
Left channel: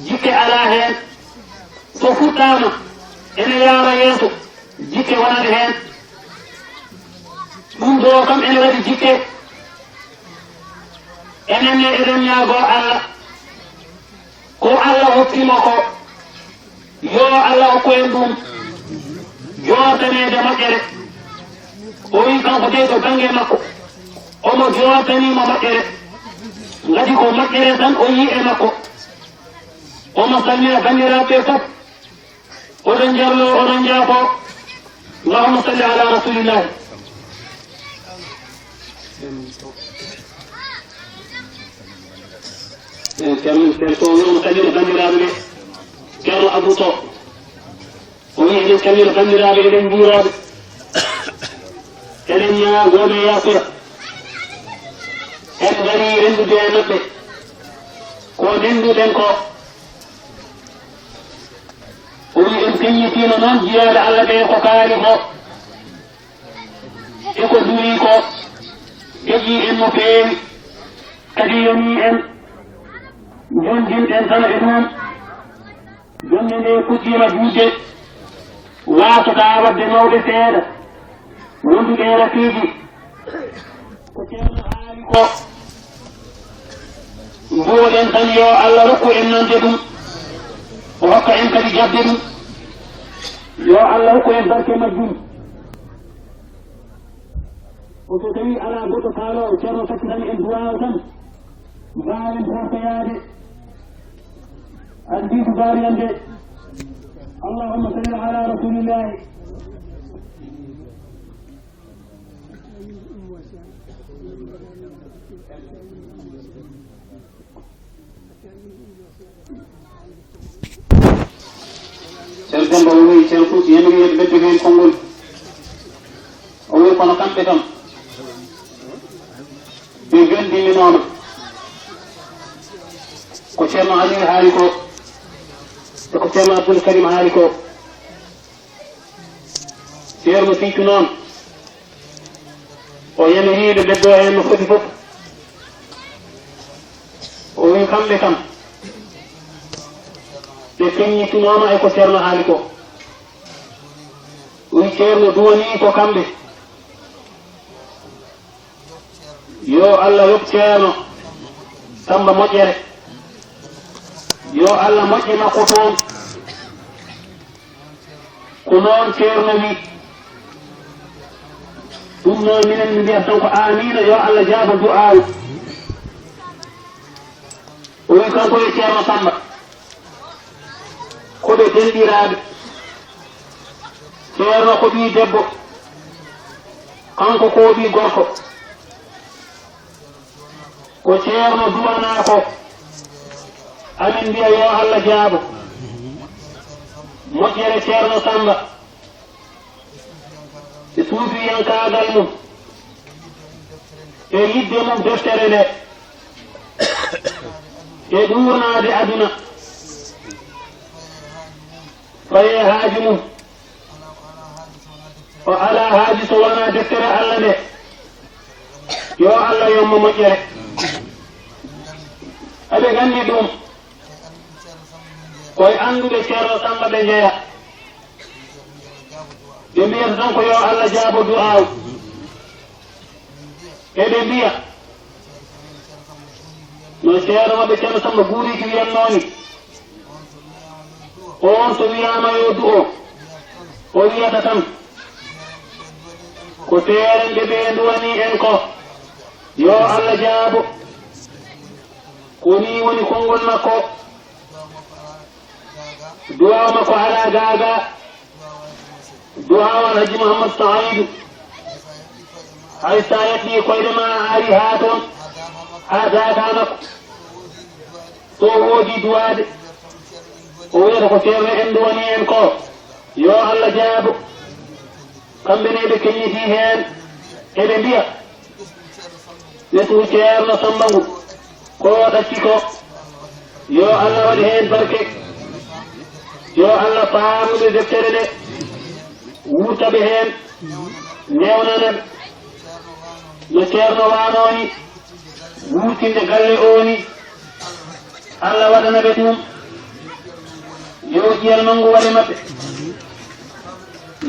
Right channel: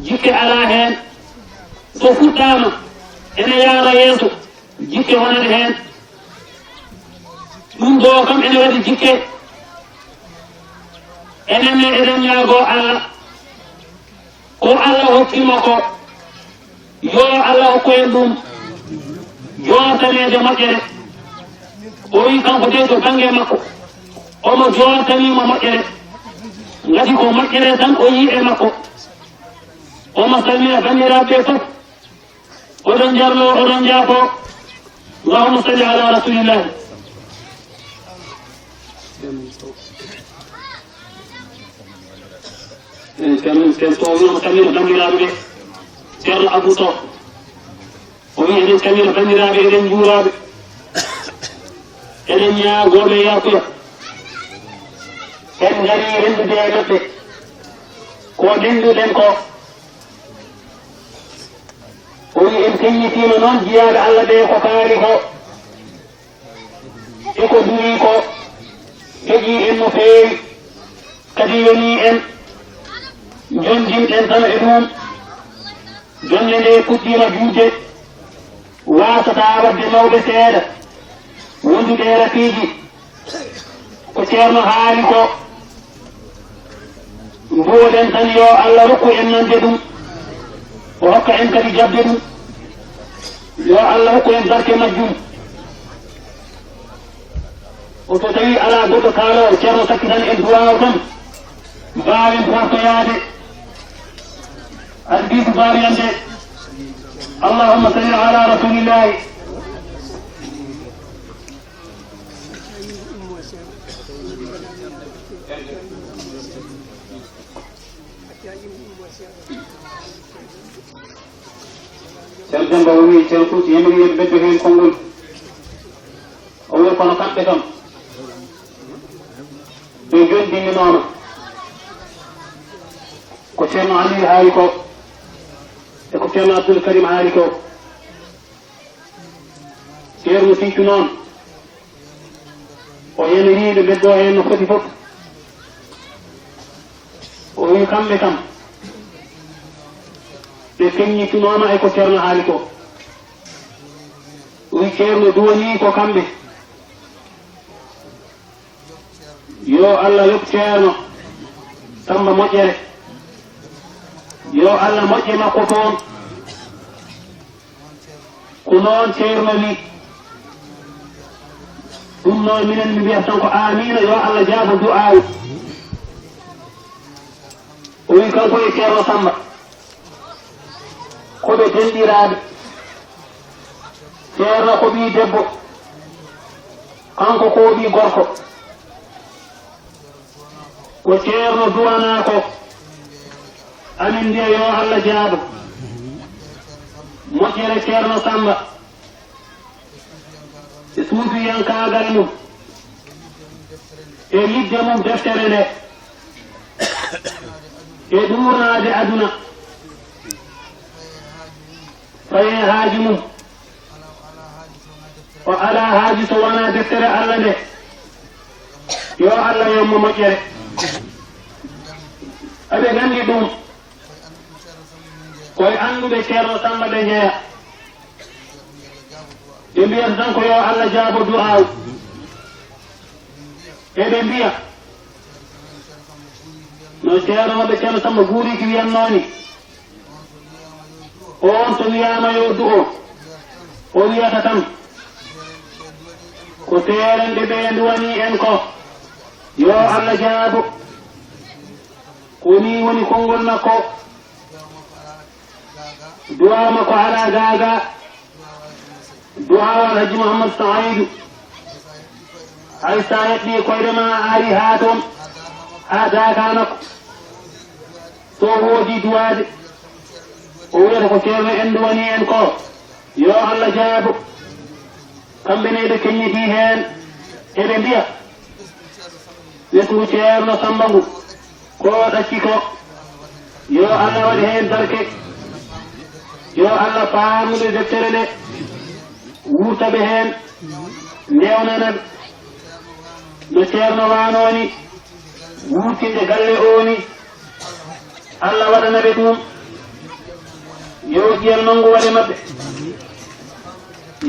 jikke ala heen so fuɗɗama ene yaara yeeso jikke wonani heen ɗum ɗo kam ene waɗi jikke enenne eɗen ñaago Allah ko Allah hokkima ko yo Allah hokku en ɗum jootaneede moƴƴere o wi kanko de to bange makko omo jootanimo moƴƴere ngati ko moƴƴere tan o yi e makko omo salmina bandiraɓe fof oɗon jarlo oɗon jaafo allahumma salli ala rasulillahi ko wi omo salmina bandiraɓe ɓe ceerno Abou Sow o wi eɗen salmina bandiraɓe eɗen juuraɓe eɗen ñaagoɓe yaasuya en gari rendude e maɓɓe ko denduɗen ko o wi en keññitino noon jiyaɓe Allah ɓe ko kaali ko e ko duwi ko heƴi en no feewi kadi yoni en jondinɗen tan e ɗum jonde nde puɗɗima juutde wasata wadde mawɓe seeɗa wonduɓe rafiiji ko ceerno haali ko mboɗen tan yo Allah rokku en nande ɗum o hokka en kadi jabde ɗum yo Allah hokku en barke majjum o so tawi ala goɗɗo kaalowo ceerno sakkitan en duwaw tan mbawen fartoyade البيت باريان دي اللهم صل على رسول الله سلطان بوي سلطان يمري يبدو هين كونغول أول كنا كان بتم بيجون ديننا كشما علي هاريكو كشما عبد الكريم هاريكو سير مسيكنون ويمري يبدو هين مختلف ويكمل بكم لكن يتنوما ايكو سيرنا هالكو ويكيرنا دواني كو كامبي يو الله يبكيرنا تم مجري يو الله مجري ما قطون كنون سيرنا بي دمنا من النبي أسنكو آمين يو الله جاب الدعاء ويكالكو يكيرنا سمبا koɓe denɗiraɓe ceerno ko ɓi debbo kanko ko ɓi gorko ko ceerno durana ko amin mbiya yo Allah jaabo moƴƴere ceerno Samba e suufiyankagal mum e lidde mum deftere nde e ɗurnade aduna faye haaji mum o ala haaji so wona deftere Allah nde yo Allah yomma moƴƴere aɓe gandi ɗum koye annduɓe ceerno Samba ɓe jeeya ɓe mbiyata tan ko yo Allah jaabo du'aw eɓe mbiya no ceerno maɓe ceerno Samba guuriki wiyannoni on so wiyama yo du'o o wiyata tan ko teeren ɓe ɓe duwani en ko yo Allah jaabo ko ni woni konngol makko du'a makko ala gaaga du'a wal haji Muhammad Saïdou hay sa yeɗɗi koyɗe ma ari ha toon ha gaaga makko to woodi duwade o wiyata ko ceerno en duwani en ko yo Allah jaabo kamɓe ne ɓe keññiti heen eɓe mbiya ɓesgu ceerno Samba ngu ko ɗacci ko yo Allah waɗi heen barke yo Allah faamude deftere nde wurtaɓe heen ndewnanaɓe no ceerno waanoni wurtinde galle oni Allah waɗanaɓe ɗum yo ƴiyal mangu waɗe maɓɓe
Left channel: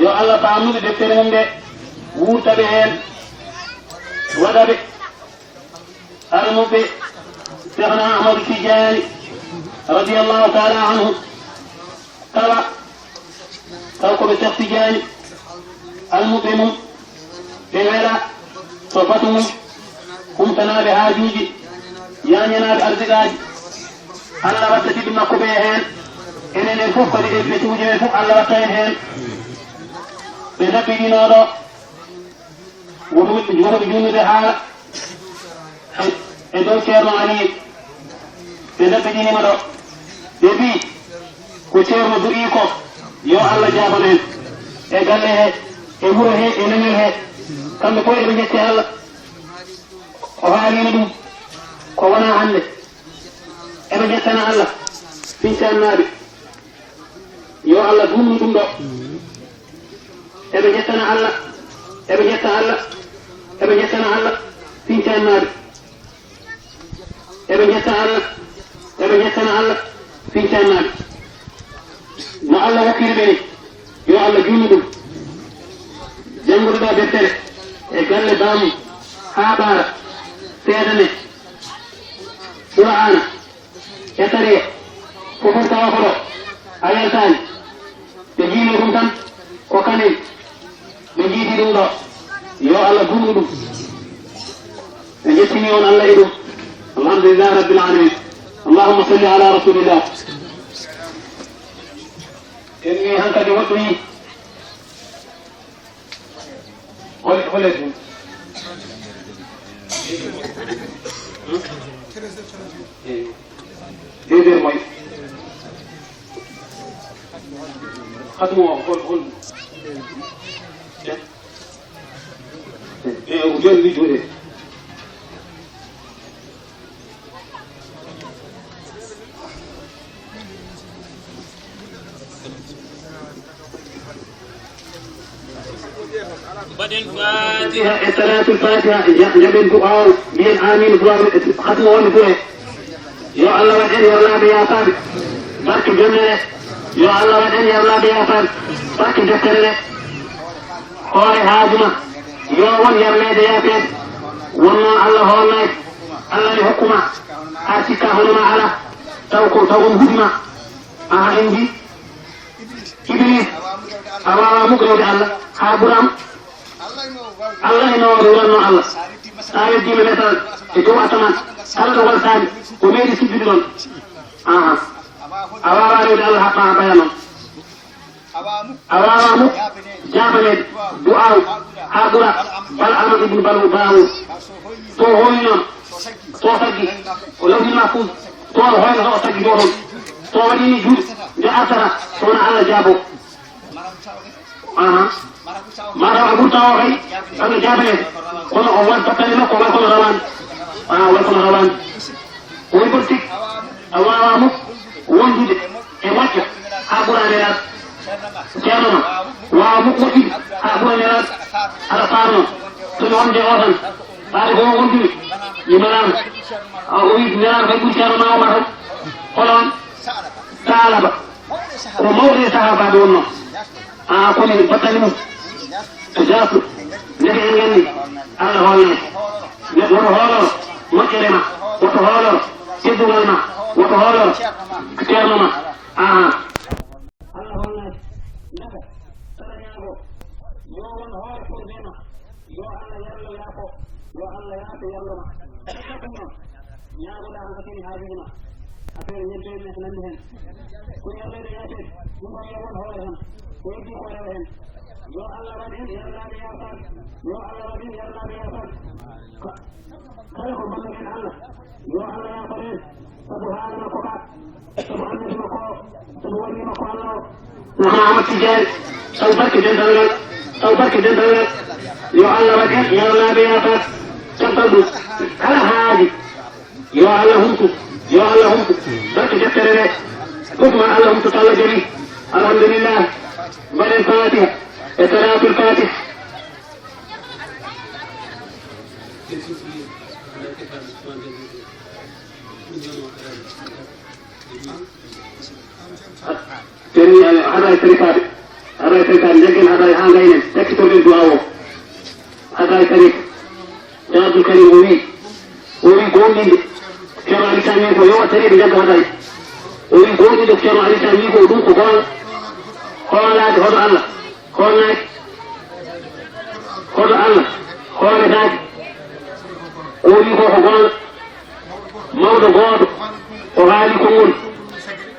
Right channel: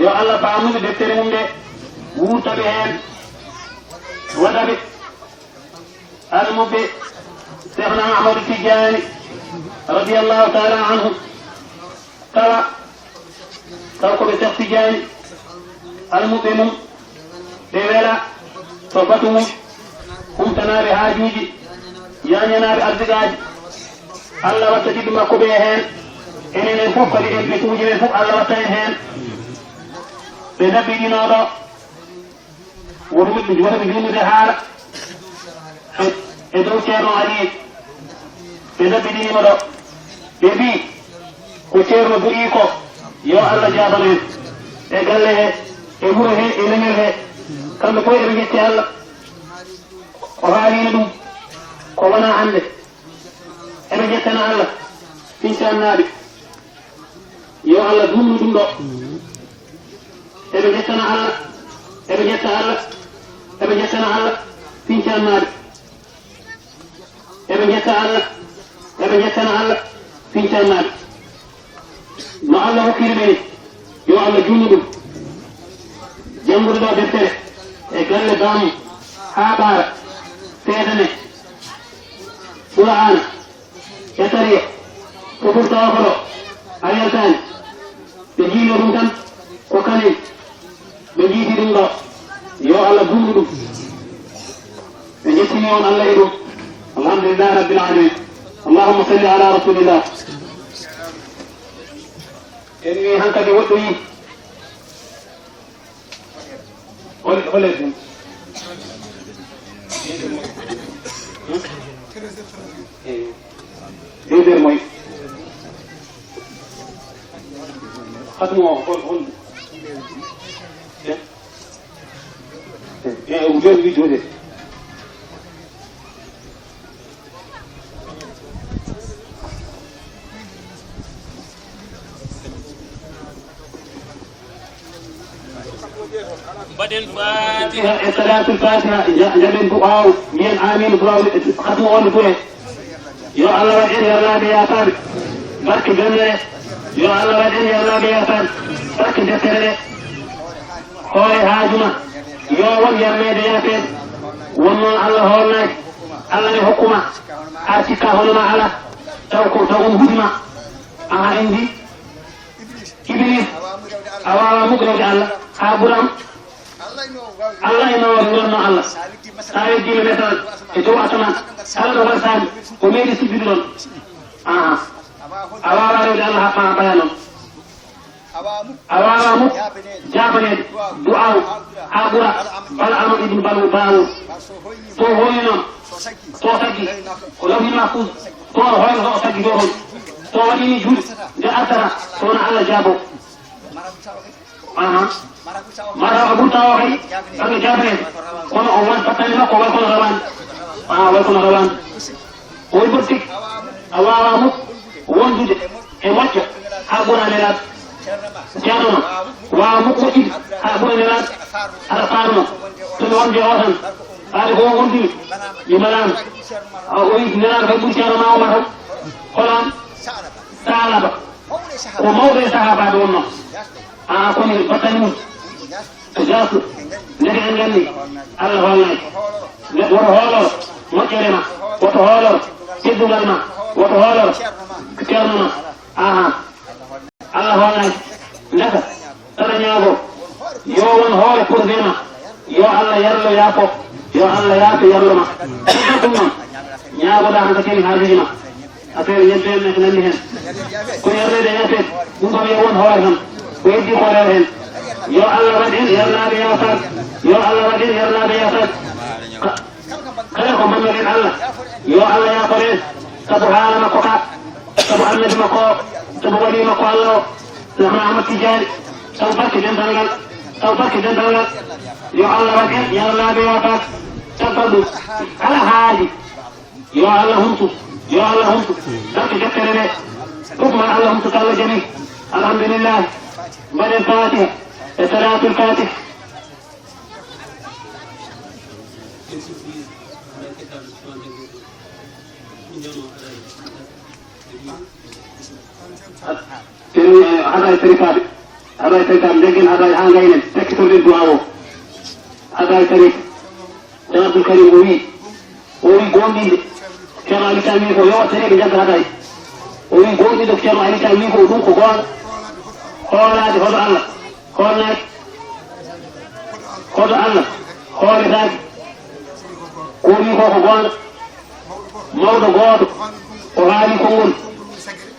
yo Allah faamude deftere mum nde wurtaɓe heen waɗaɓe almuɓe Cheikhna Ahmadu Tijani radiyallahu taala anhu kala taw koɓe Cheikh Tidiane almuɓe mum ɓe wela to batu mum humtanaɓe haajuji yañanaɓe ardigaji Allah watta tiɓɓe makko ɓe heen enenen fof kadi ɓe tuuji men fof Allah watta en heen ɓe dabbiɗinoɗo wotoɓe junnude haala e dow ceerno Aliyu ɓe dabbiɗinima ɗo ɓe mbi ko ceerno du'i ko yo Allah jabamen e galle he e wuro he e leñol he kamɓe fof eɓe jecce Allah o haalino ɗum ko wona hande eɓe jettana Allah fincannaɓe yo Allah dumnu ɗum ɗo eɓe jettana Allah eɓe jetta Allah eɓe jettana Allah fincannaɓe eɓe jetta Allah eɓe jettana Allah fincannaɓe no Allah hokkiri ɓe yo Allah junnu ɗum jangude ɗo deftere e galle bamum haa ɓaara seedane Qur'ana e sariya ko furtawa ko ɗo a yaltani ɓe jiino ɗum tan ko kanin ɓe jiidi ɗum ɗo yo Allah bunnu ɗum ɓe jettini on Allah e ɗum alhamdulillah rabbil alamin allahumma salli ala rasulillah en wi hankadi woɗɗo yi holeten ɗeɗer moy hatumo hol o joni wi jode صلاة الفاتحة جبن فقاو بين آمين ختم ون فوه يو الله وجن يا الله بيا فان بارك جنة يو الله وجن يا الله بيا فان بارك جسرة هاي هاجمة يو ون يرمي بيا فان وما الله هو الناس الله الحكومة أرسيكا هنما على توكم هجمة عندي إبليس أوامر مقرد الله كابرام Allah e mawade wuranno Allah saare dina metal e dow asaman kala ɗo wartaade ko meeɗi sibbiɗe ɗon a wawa rewde Allah haqqa ha baya noon a wawamo jabanede du'aw ha ɓura bal ama ibnu balgu dawud to hoyni noon to taggi ko lawhi mahfus to hoyno to o taggi ɗo toon to waɗini juuɗe nde artata to wona Allah jaabo mara abu tawo kay sabu jabe kono o won fatali makko way kono rawan way kono rawan o burtik awawa mu wondude e wacca ha burane rat ceerno wa mu ko ɗiɗi ha burane rat ala faano to wonde o tan baade ko wondiri yimalam o wi nerar kay ɓuri ceerno ma o ma tan kolon saalaba o mawde sahabaɓe wonno komi battani mum jaasu nede en ganni Allah holnade woto hooloro moƴƴere ma woto hooloro teddugal ma woto hooloro ceerno ma Allah holnade ndaka taɗa ñaago yo won hoore pourve ma yo Allah yarlo yaafo yo Allah yaafe yarlo ma ɗum noon ñaagoɗa hanka keni haajuji ma affaire ñebbe en ko nanndi hen ko yarrede yaafede ɗum ɗon yo won hoore tan ko heddi hoorere hen yo Allah waɗin yarnaɓe yafat yo Allah waɗin yarnaɓe yafat kala ko mbaɗnoɗen Allah yo Allah yaforen sabu haala makko ka sabu annabi makko sabu waɗi makko Allah o Cheikhna Ahmad Tidiane sabu barke dental ngal yo Allah waɗin yarnaɓe yafat sabbal ɗum kala haaji yo Allah humtu barke deftere nde fof man Allah humtu to Allah jaɓi الحمد لله بل الفاتحة صلاة الفاتح. هذا التركات لكن هذا حاجة تكتب الدعاء هذا الترك جواب الكريم وي قومي شرع لسانيك ويوم تريد جنب هذا وي قومي دك شرع لسانيك ودوك قال هذا خذ الله قال ذاك قومي قال موضوع قال وغالي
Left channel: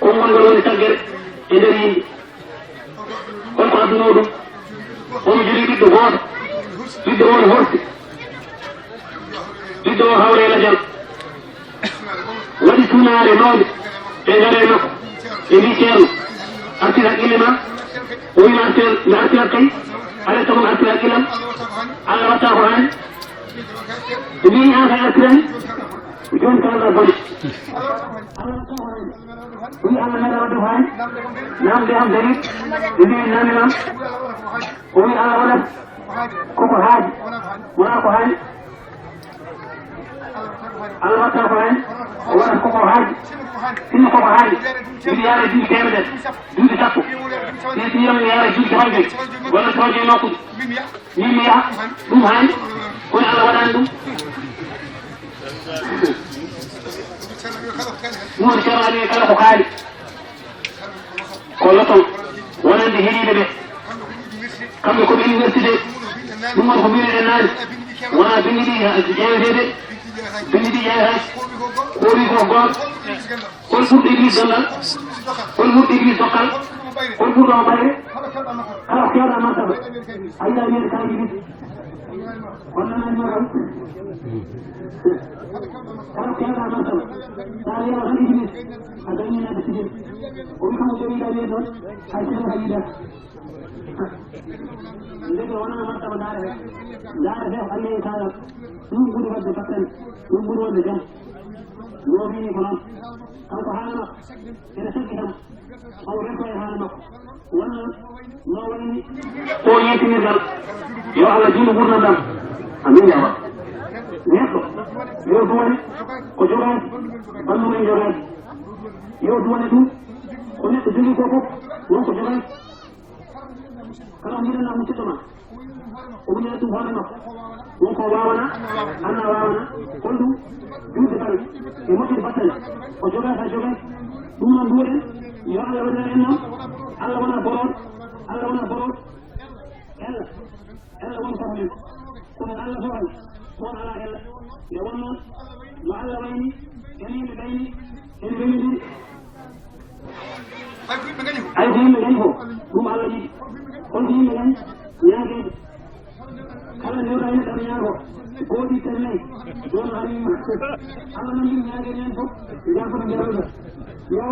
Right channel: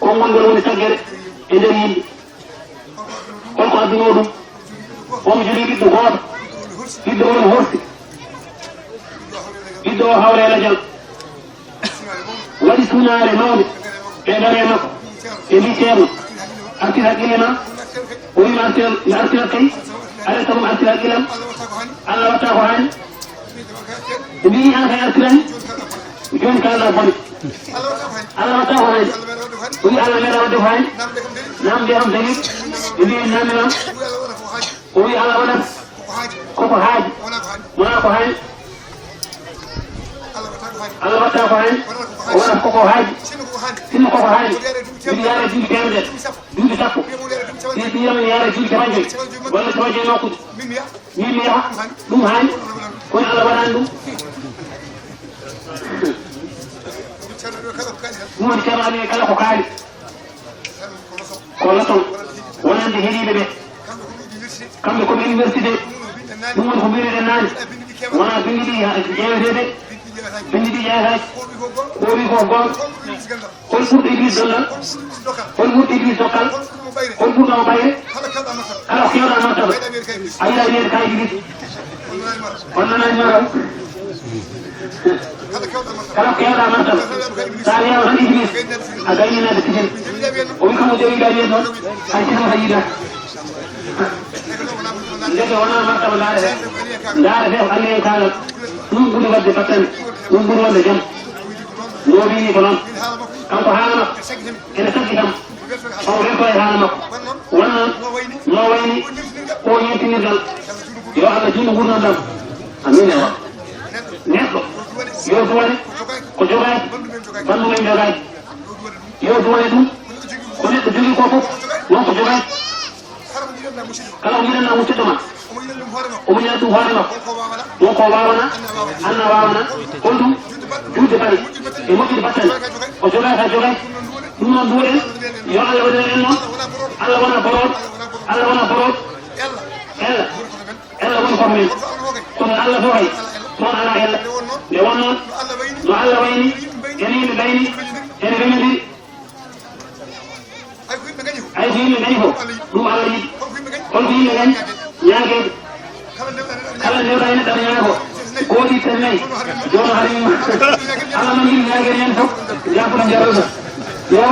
كمون دلوني تجر إدري قلق أبنوده ومجري بيدو قاد بيدو هرس بيدو هوري لجل ودي سنة رمود إدري نقو إدري شيرو أرسل هكيلنا وين أرسل هكي أرسلهم أرسل هكيلا على وطاقه هاني إدري آخر أرسلهم يوم كان الله على وطاقه هاني وي على ملا ودفعين نام بهم دليل يبين نام نام وي على ولد كوكو هاج مناكو هاج على وطاقه هاني ولد كوكو هاج سنو كوكو هاج يبي يارا جيل كامل جيل تاكو يبي يارا جيل كامل ولا تواجه ناكو ميميا دوم هاي وي على ولد مو شرعني كلا خالي كلكم وانا عندي هدي به كم لكم يونيفرسيتي ثم خبير الناس وانا بني جاي بني جاي قولي قول كل فوت يجي زلا كل فوت يجي زكال كل فوت ما باي أنا خيار أنا تبع أيها الناس كاي يجي وانا نجمع kalau kaya dah mantap, saya orang Inggris, agaknya nak dikisah. Orang kamu jadi dari itu, saya cuma haji dah. Jadi orang mantap dah ada kali yang kalau nunggu di bawah depan, nunggu di bawah jam, nunggu ni kolam, kamu faham tak? Kena sakit kamu, orang kau faham tak? Wana, lawa ini, oh ini tinggal dalam, ya Allah jiwa guna dalam, amin ya Allah. Niat yo duwane ko jogaay bandu men jogaay yo duwane dum ko nekk jogi ko fof non ko jogaay kala mi na mucce dama o mu ñatu hoorema do ko wawana anna wawana ko dum juude bari e mokki batten ko jogaay ka jogaay dum non duure yo Allah wada en non Allah wana borot ella won ko men ko Allah do hay ما على هلا لوانا معلّ ويني يمين بيني أنا بيني أي فين مجنيه هم على يد كل فين مجن ياكل كلا نيوتا هنا تريانه كودي ترمي جون هاري على من ياكل ينفق ياكل جاروسا يا